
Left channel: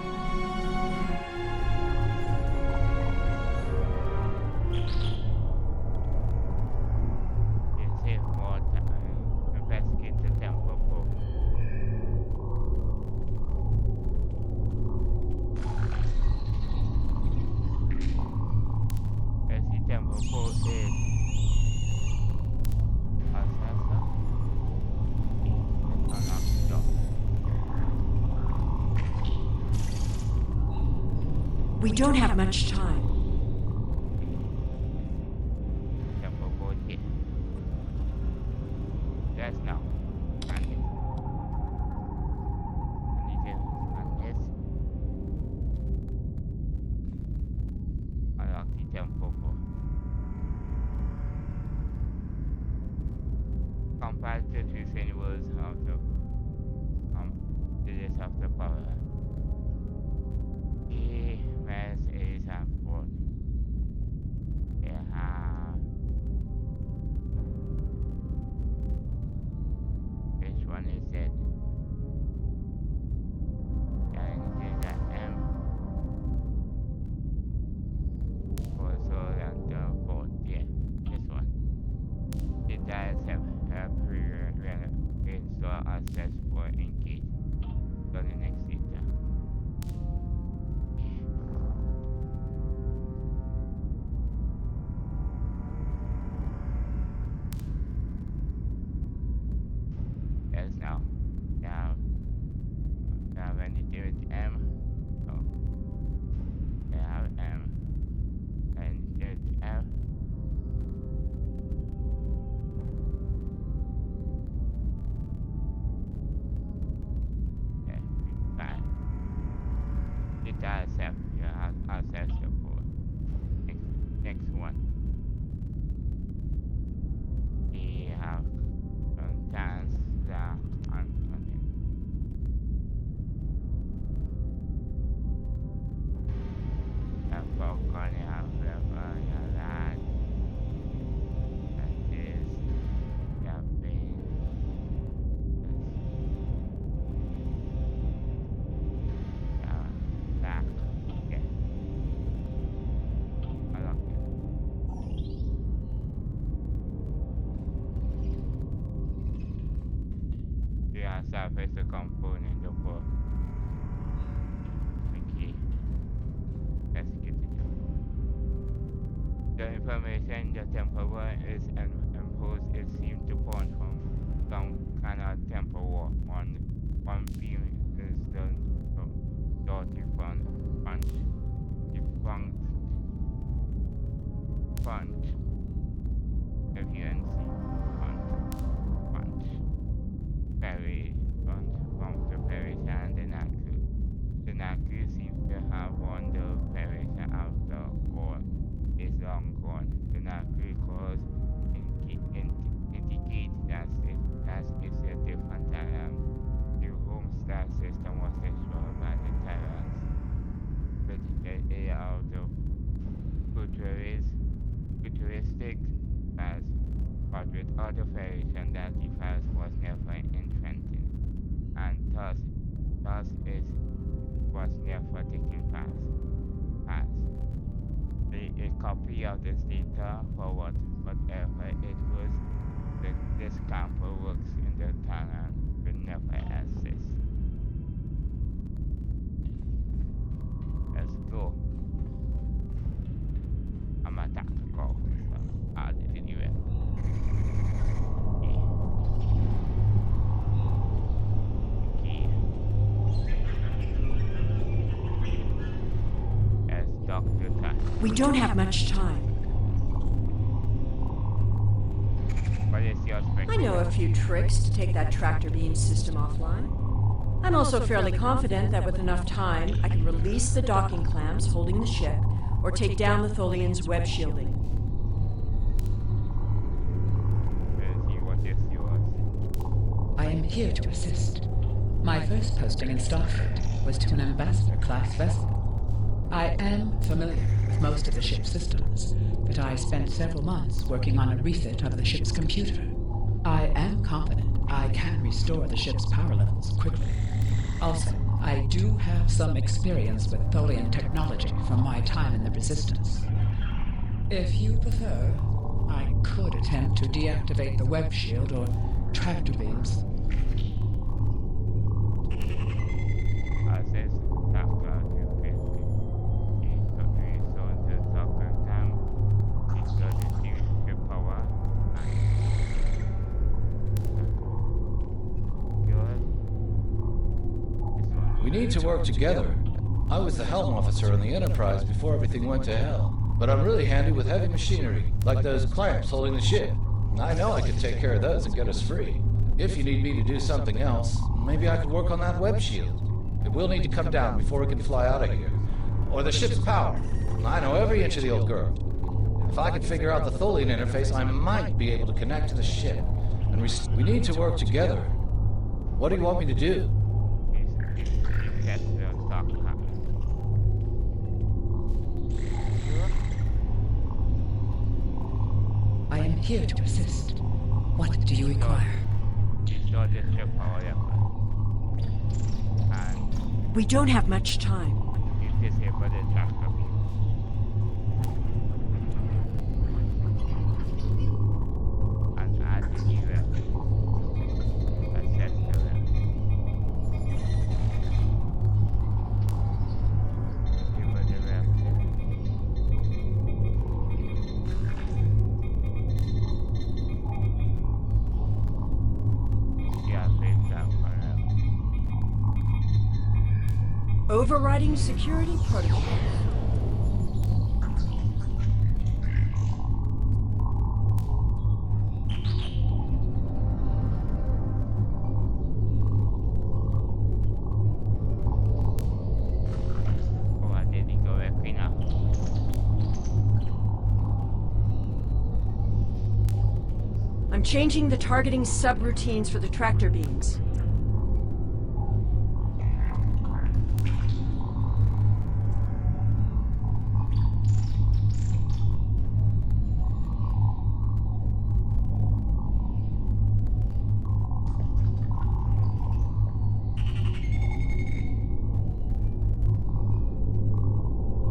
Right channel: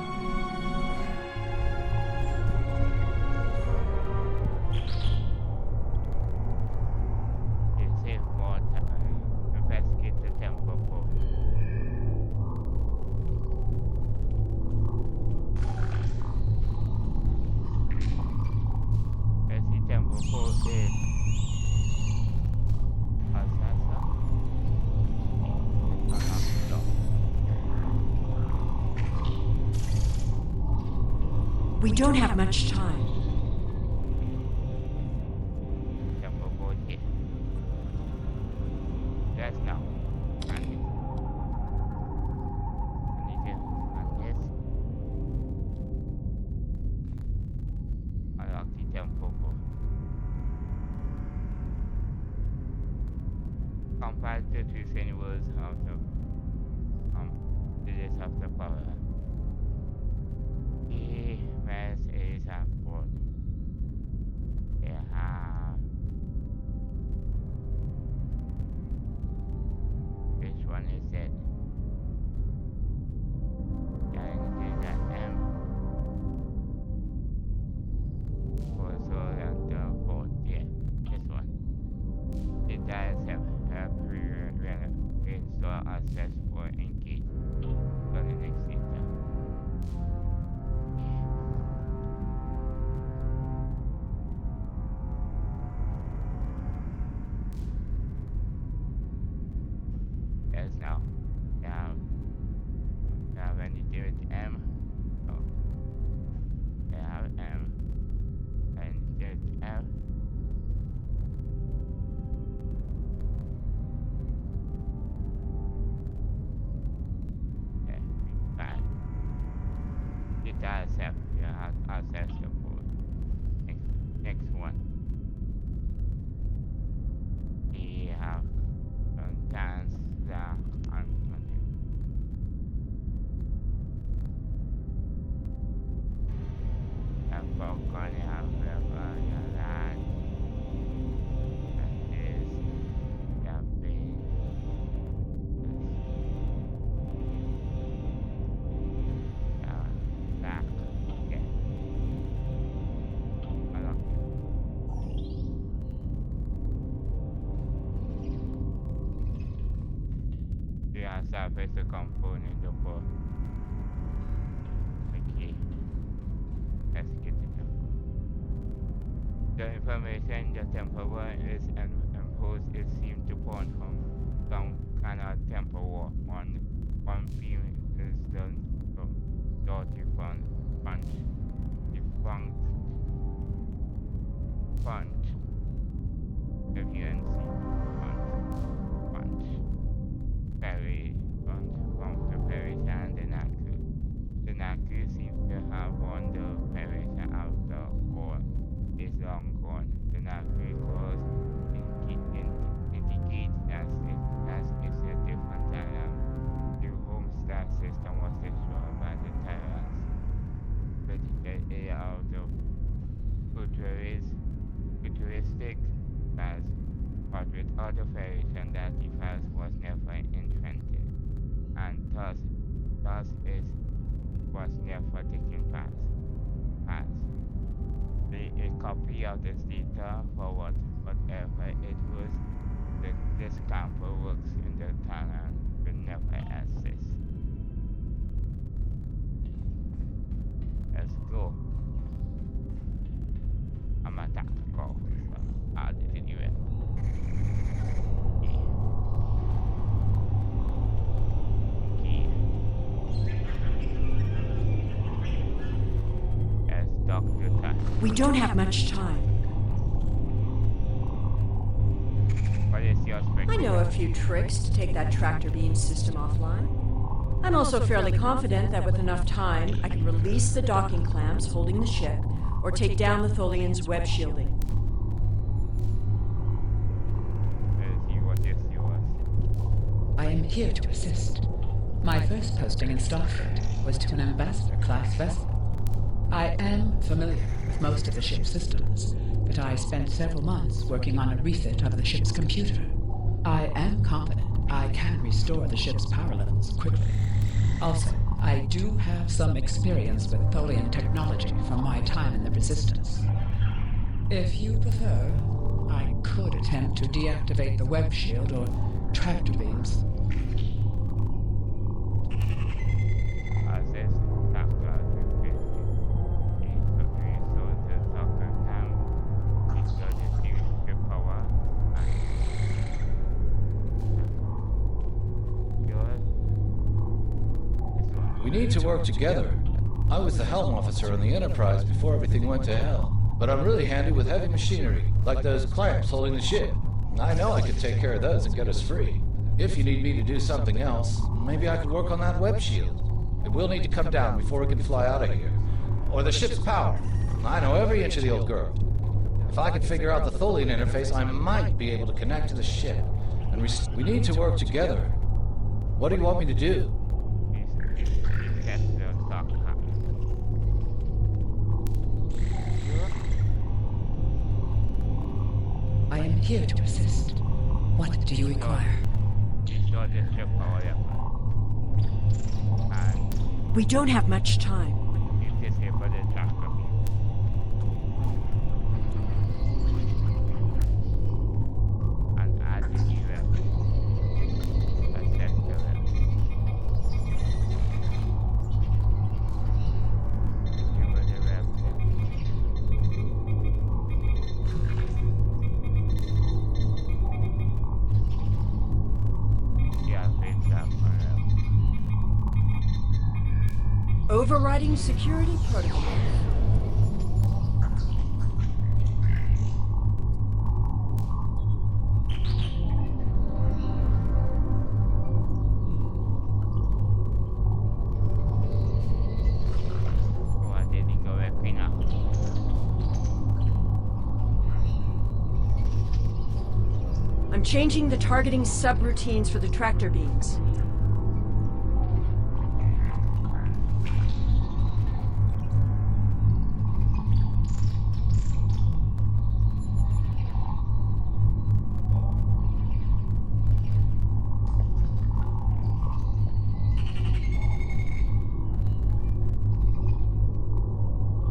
You save more time. Investigate the temple pole. As the temple pole is assessor. Let's unlock the door. We don't have much time. Temple pole here. Yes, now. And this. And this. Unlock the temple pole. Compile the two symbols of the digits of the power. The mass is at 4. They have which one is it? And it is at M. Also at the 4th, yeah, this one. The dials have reinstall access for engage. So the next data. Yes, now. Now when you do it M, oh, they have M, and you do it F. Yeah, fine. It does have you have access for next one. We have dance the uncontent. And for going have level that is have been back. Okay. I love it. Yeah, surface the component of okay. Let's get it up. The information the temporal is imposed is seemed to point from some kind of temporal. One beam is the defunct FUNC punch. Very from the parish and the Naku. The Naku seems to have won the parish out the war is long gone. The Naku cause indicate that it's a different time. The home star system was destroyed by the tyrants. But the area of the futuristic past, but with other variation that the past was never intended, and thus it was never taken past. A copy of this data for whatever it was, this camper works in the Terran will never exist. Let's go. I'm a tactical, so I'll do it. Okay. As Dr. Tash. We don't have much time. What is your I know a few tricks to take that tractor beam system offline. I'm also fairly confident that with enough time, I can release the docking clamps holding the ship or take down the Tholian's web shielding. What is yours? I am here to assist. My first posting in Starfleet was to an ambassador-class vessel. I am familiar with most of the ship's systems, but I spent several months working on a refit of the ship's computer. I am confident I can restore the ship's power levels quickly. Also, I do have some experience with Tholian technology from my time in the Resistance. If you prefer, I could attempt to deactivate the web shield or tractor beams. Access after resources soccer time restore the ship power and yours this one. We need to work together. I was the helm officer on the Enterprise before everything went to hell. But I'm really handy with heavy machinery, like those clamps holding the ship. I know I could take care of those and get us free. If you need me to do something else, maybe I could work on that web shield. It will need to come down before we can fly out of here. Or the ship's power. I know every inch of the old girl. If I could figure out the Tholian interface, I might be able to connect to the ship. And we need to work together. What do you want me to do? Reset the stock time. I am here to assist. What do you require? Restore the ship power and We don't have much time. disable the tractor beam. And add the new weapon. Access the weapon. Disable the weapon. Yeah, face that forever. Overriding security protocols. Oh, I didn't go back enough. I'm changing the targeting subroutines for the tractor beams.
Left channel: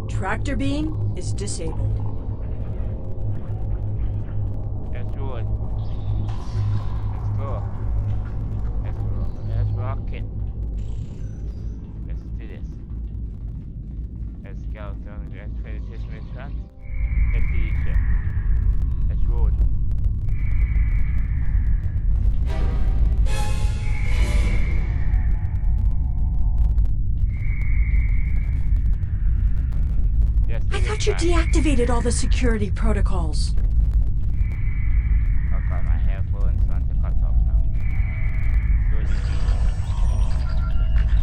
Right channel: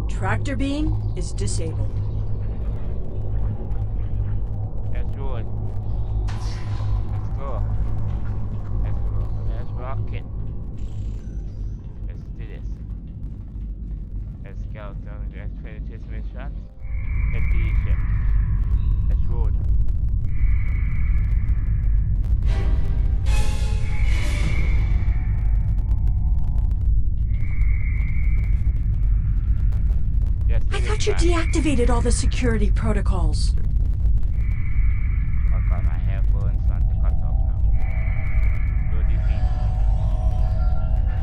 Tractor beam is disabled. Let's do it. Let's go. Let's go. Let's rock it. Let's do this. Let's go. Let's finish this mission. Get the ship. Let's roll. Yes, I thought you deactivated all the security protocols. I've got my headphones on to cut off now. Go defeat.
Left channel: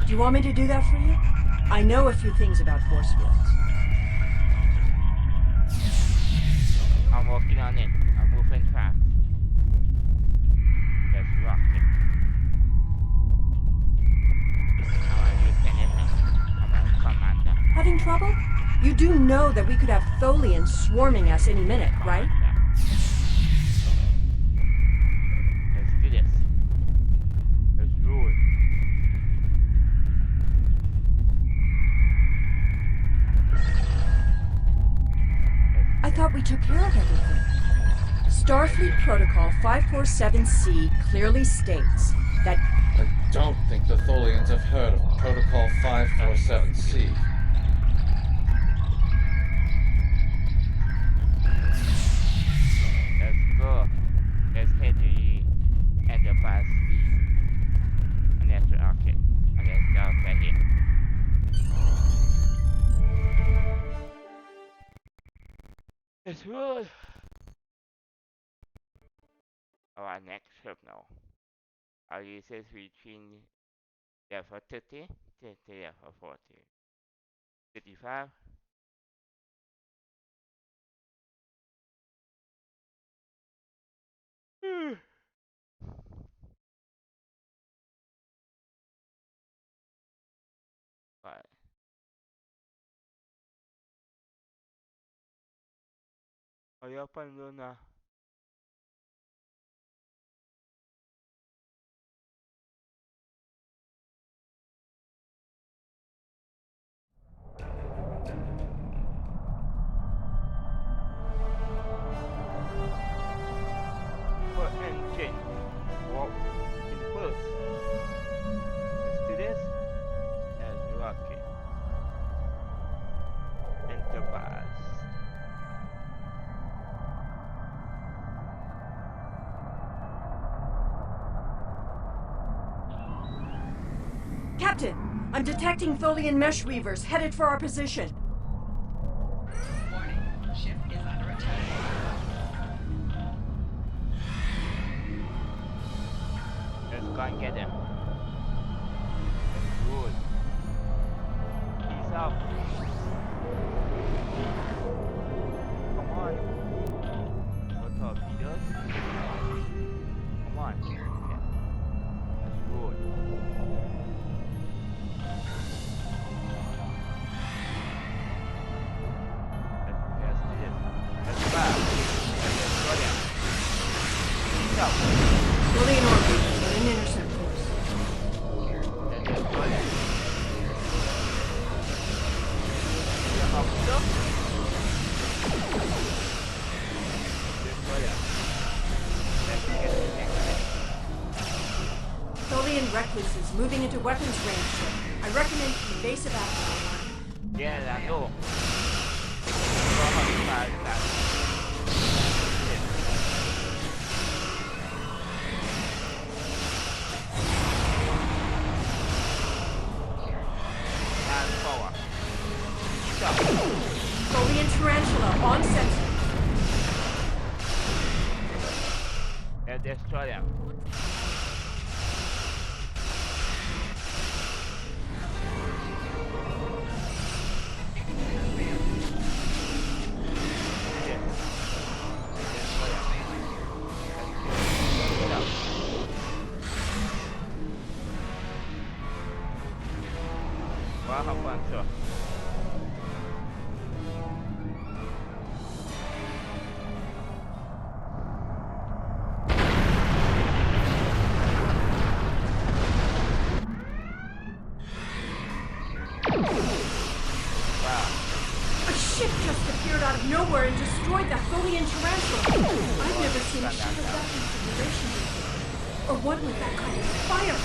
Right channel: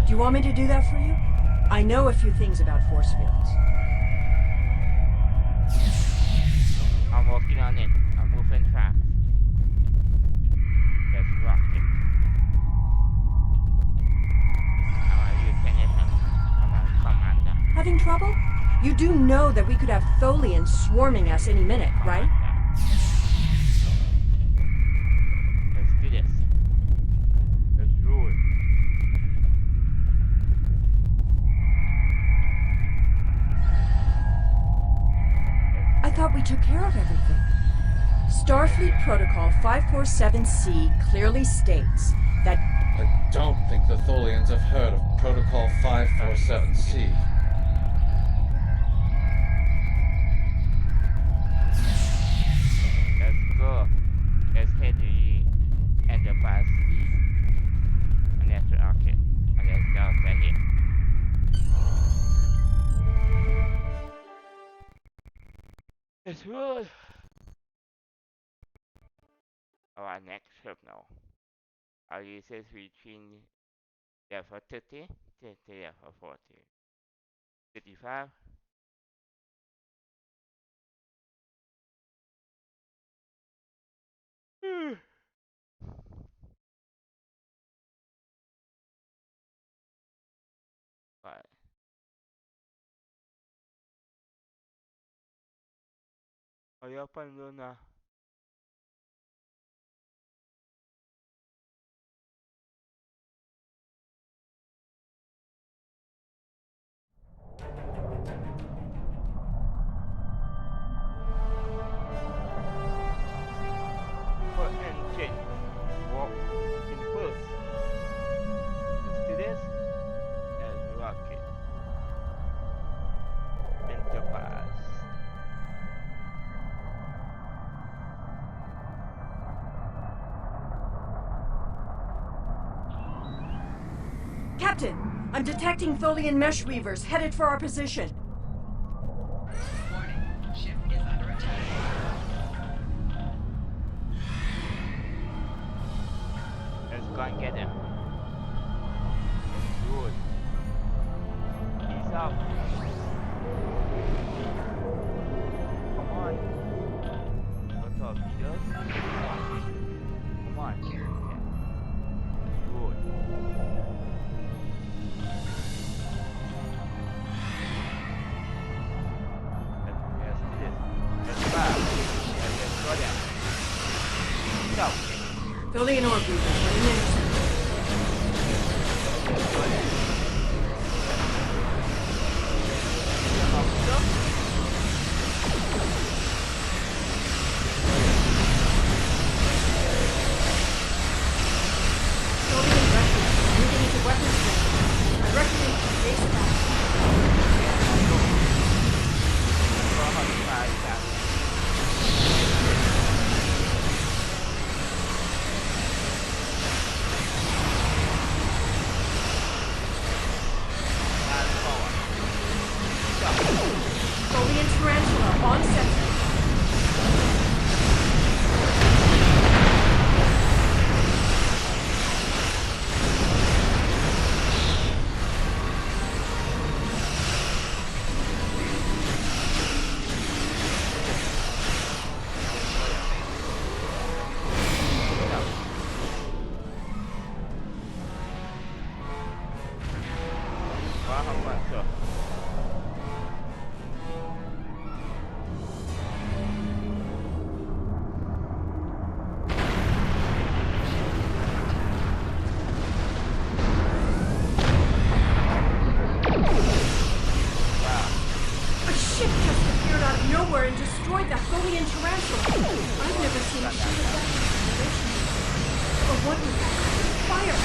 Do you want me to do that for you? I know a few things about force fields. I'm working on it. I'm moving fast. Let's rock it. I'm a lieutenant. I'm a commander. Having trouble? You do know that we could have Tholians swarming us any minute, right? Let's do this. Let's roll. I thought we took care of everything. Starfleet Protocol 547C clearly states that I don't think the Tholians have heard of Protocol 547C. Let's go. Let's head to the Enterprise D. And let's rock it. And let's go over here. Let's roll. Our next trip now. Our users between level 30 to level 40. 35. Right. Ayaw pa na. Captain, I'm detecting Tholian mesh weavers headed for our position. Warning, ship is under attack. Let's go and get them. That's good. Peace out. Come on. What torpedoes? Come on. Yeah. That's good. Let's do this. Let's fire. Let's go down. Go. Tholian orb weavers are in interceptors. Let's go down. Yeah, up stuff. Tholian recruitment is moving into weapons range. I recommend evasive action. Yeah, I know. Go how to fight that. And forward. Stop. Tholian tarantula on sensor. What happened, sir? Wow. A ship just appeared out of nowhere and destroyed that Tholian tarantula. I've never seen a ship of that configuration before. Or one with that kind of fire.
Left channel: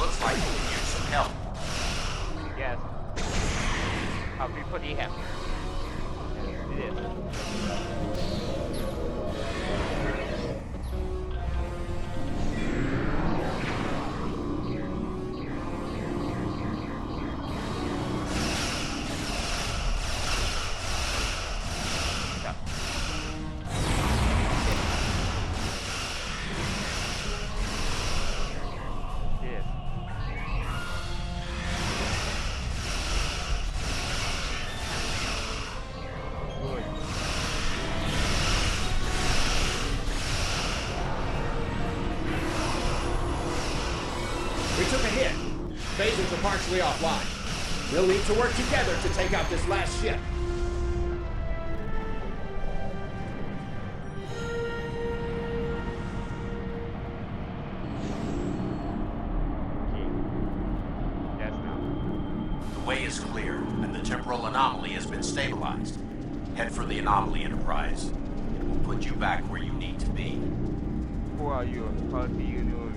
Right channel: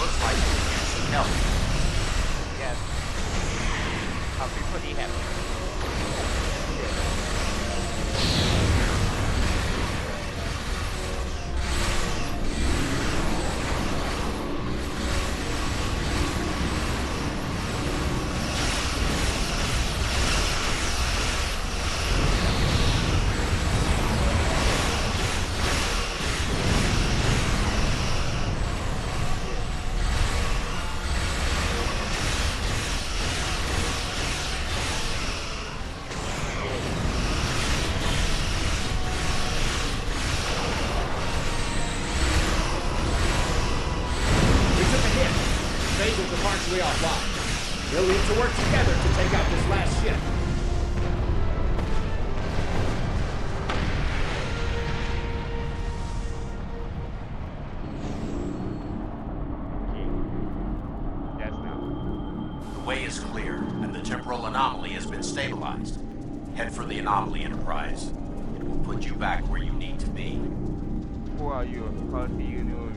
Looks like we can use some help. Yes. I'll be pretty happy. Yeah. We took a hit. Phasers are partially offline. We'll need to work together to take out this last ship. Yes, now. The way is clear, and the temporal anomaly has been stabilized. Head for the anomaly, Enterprise. It will put you back where you need to be. Who are you? How do you know where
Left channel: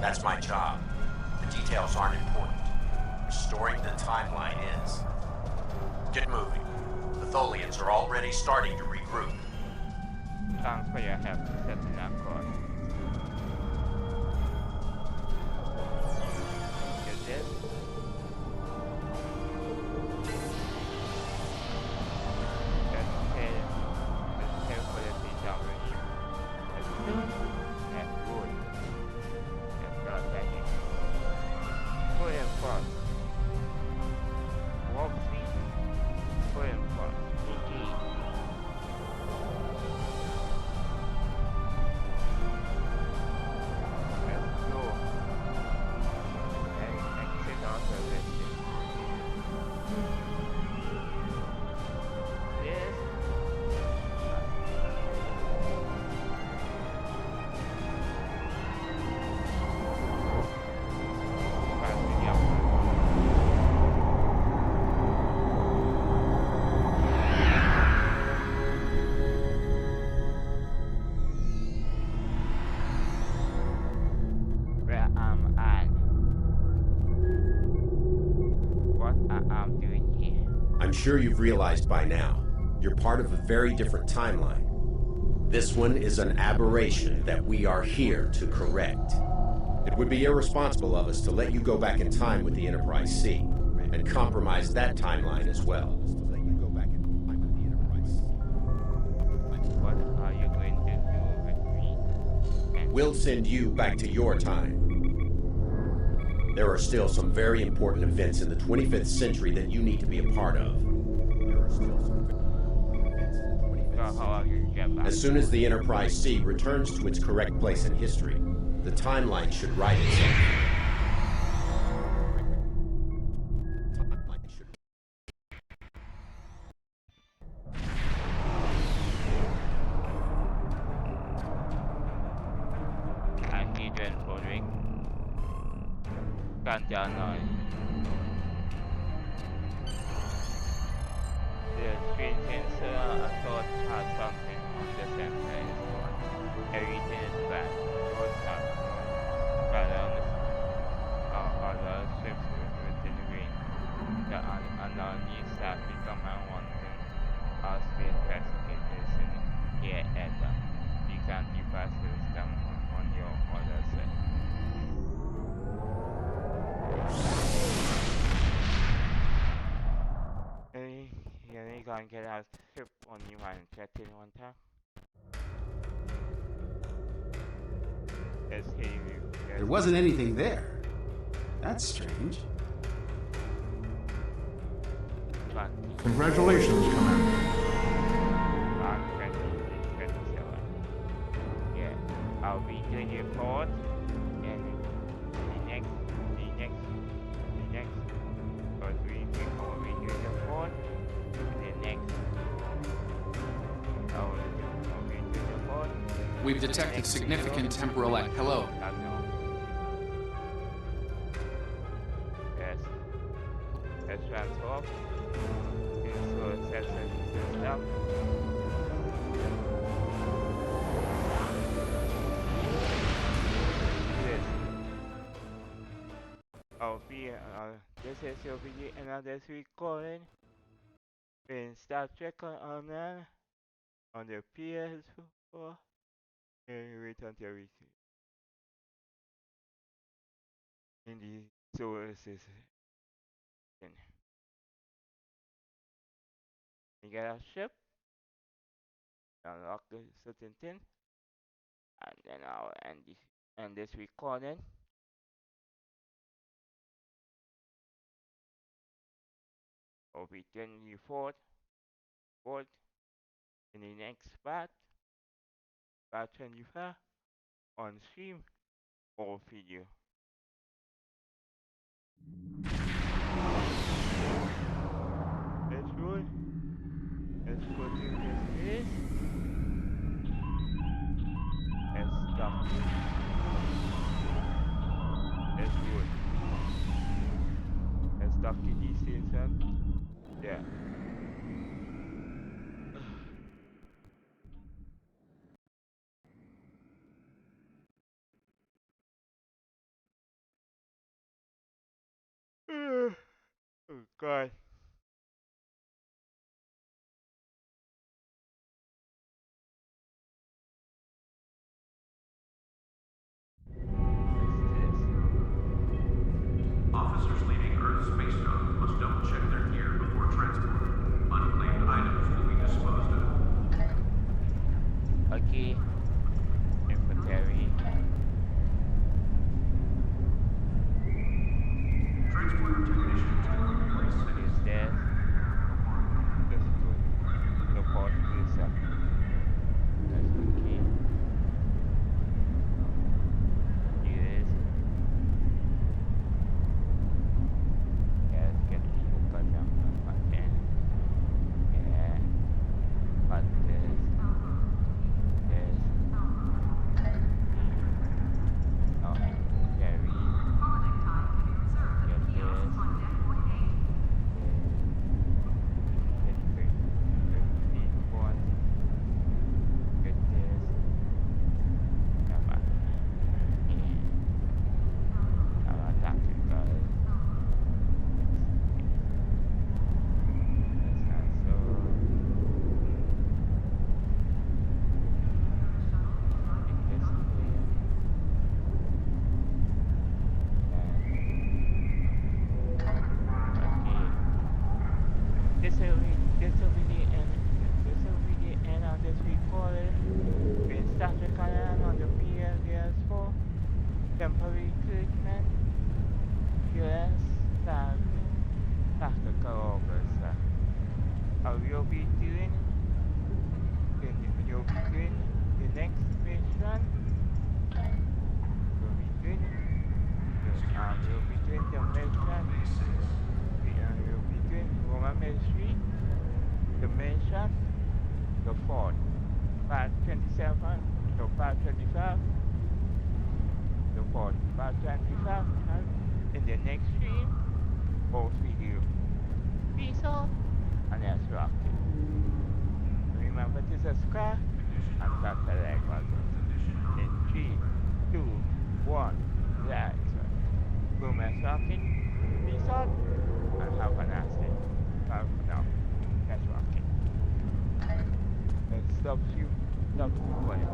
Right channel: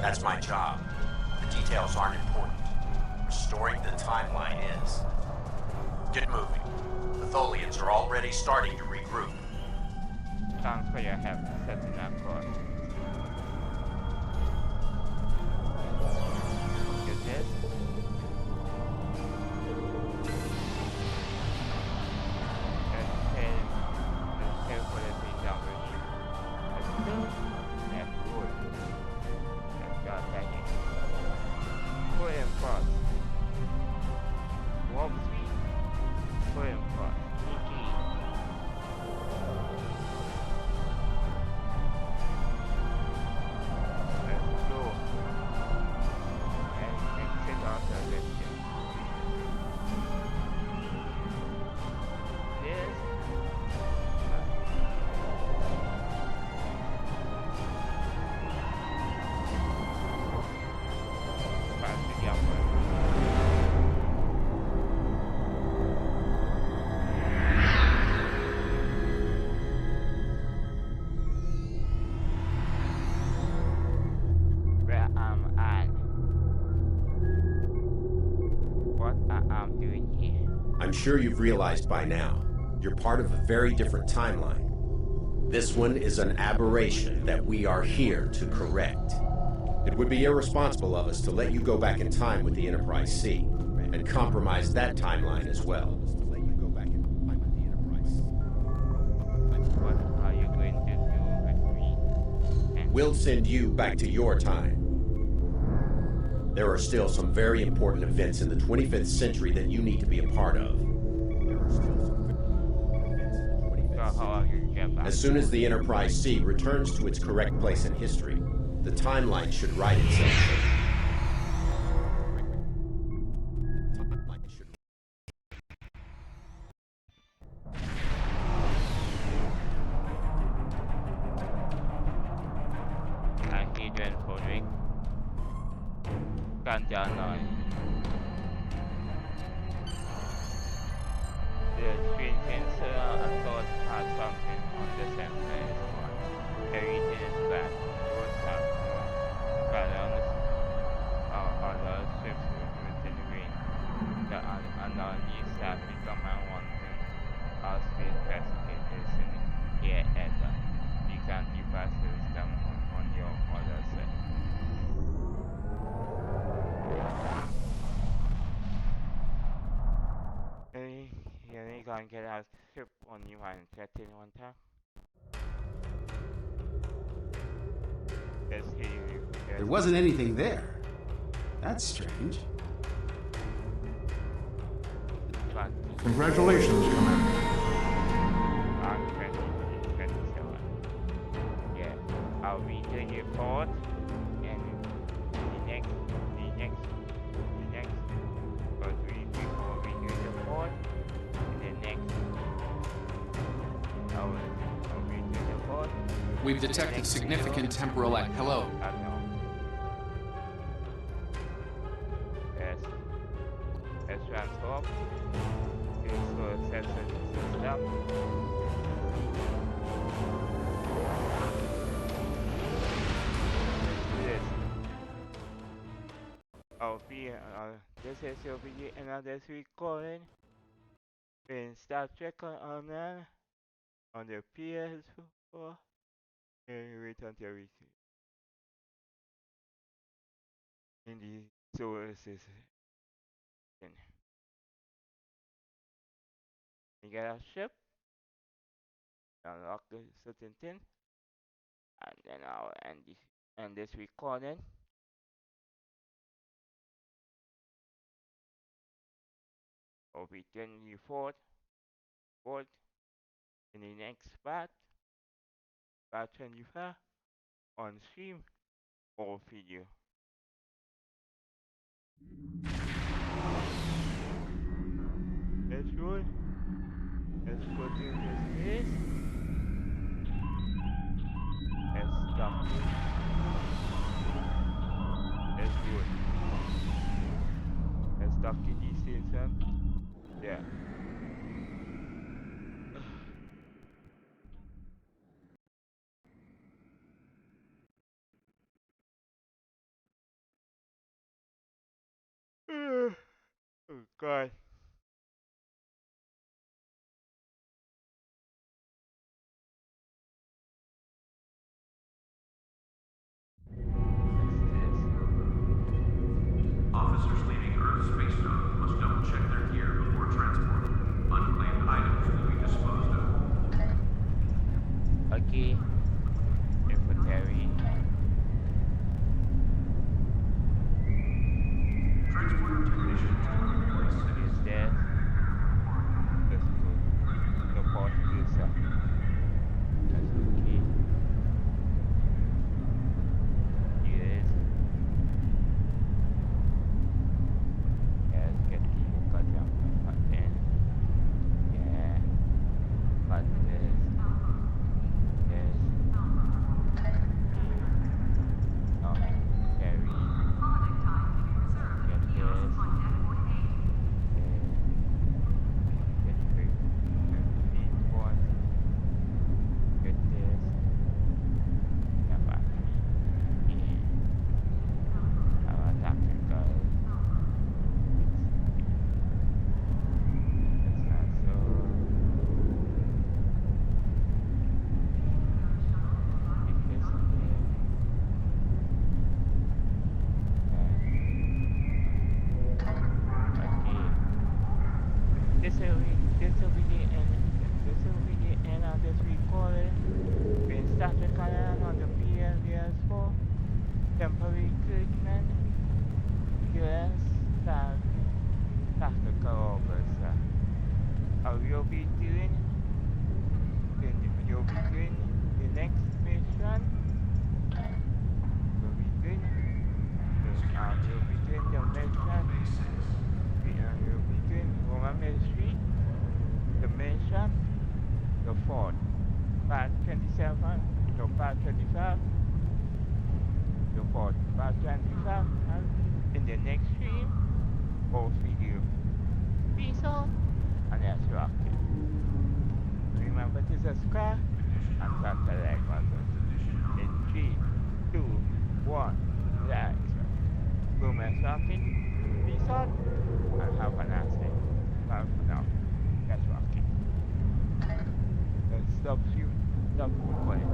That's my job. The details aren't important. Restoring the timeline is. Get moving. The Tholians are already starting to regroup. Thanks for your help setting that course. Get this? Let's tell for the thing down here. Let's do. That's good. Let's go back in. Put in first. Warp speed. Put in first. Engage. Let's go. Let's exit out of this ship. This. Back to the upper. Where am I? What I am doing here? I'm sure you've realized by now, you're part of a very different timeline. This one is an aberration that we are here to correct. It would be irresponsible of us to let you go back in time with the Enterprise C, and compromise that timeline as well. What are you going to do with me? We'll send you back to your time. There are still some very important events in the 25th century that you need to be a part of. So how are you going to get back? As soon as the Enterprise C returns to its correct place in history, the timeline should right itself. I hate when following. การจานหน่อย The screen sensor I thought had something on the sensor is gone. Everything is bad. No tap, no balance or other ships within range. The anomaly staff command wanting our space pacific is in here at the you can device system on your other side. You can get our ship on you and check in one time. There wasn't anything there. That's strange. Congratulations, Commander. I'm 27. Yeah, I'll be doing the report and the next, or 3 people will be doing the report. And the next, I'll be doing the report. We've detected significant temporal hello. I know. Yes. Let's transform into a sensor system. This. This is your video another recording in Star Trek on the ps4 and return to everything in the solar system. You get a ship, unlock the certain thing, and then I'll end this recording. I'll be 24th in the next part 25 on stream or video. Let's roll. Let's go to this place. Let's stop. Let's roll. Let's stop to this station. Yeah. Oh God. Officers leaving Earth Space Dock must double-check their gear before transport. Unclaimed items will be disposed of. Okay. Infantry. Transporter technician to place Is there? Let's go. The port is up. That's okay. Yes. Yes, get the cut down button. Yeah. But this. Oh, carry. Get this. Get 15 points. Get this. this recording in startrek on the ps4 temporal recruitment US starfleet tactical officer. You'll be doing you'll be doing the next mission. You'll be doing you'll be doing the mission. You'll be doing Roman Ministry, the mission, the fourth, part 27, no part 25, the fourth, part 25. In the next stream, both video. Peace out, and let's rock it. Remember to subscribe and touch the like button. In 3, 2, 1, like. Boom and rock it. Peace out, and have a nice day. Bye for now. Let's rock it. Stop recording.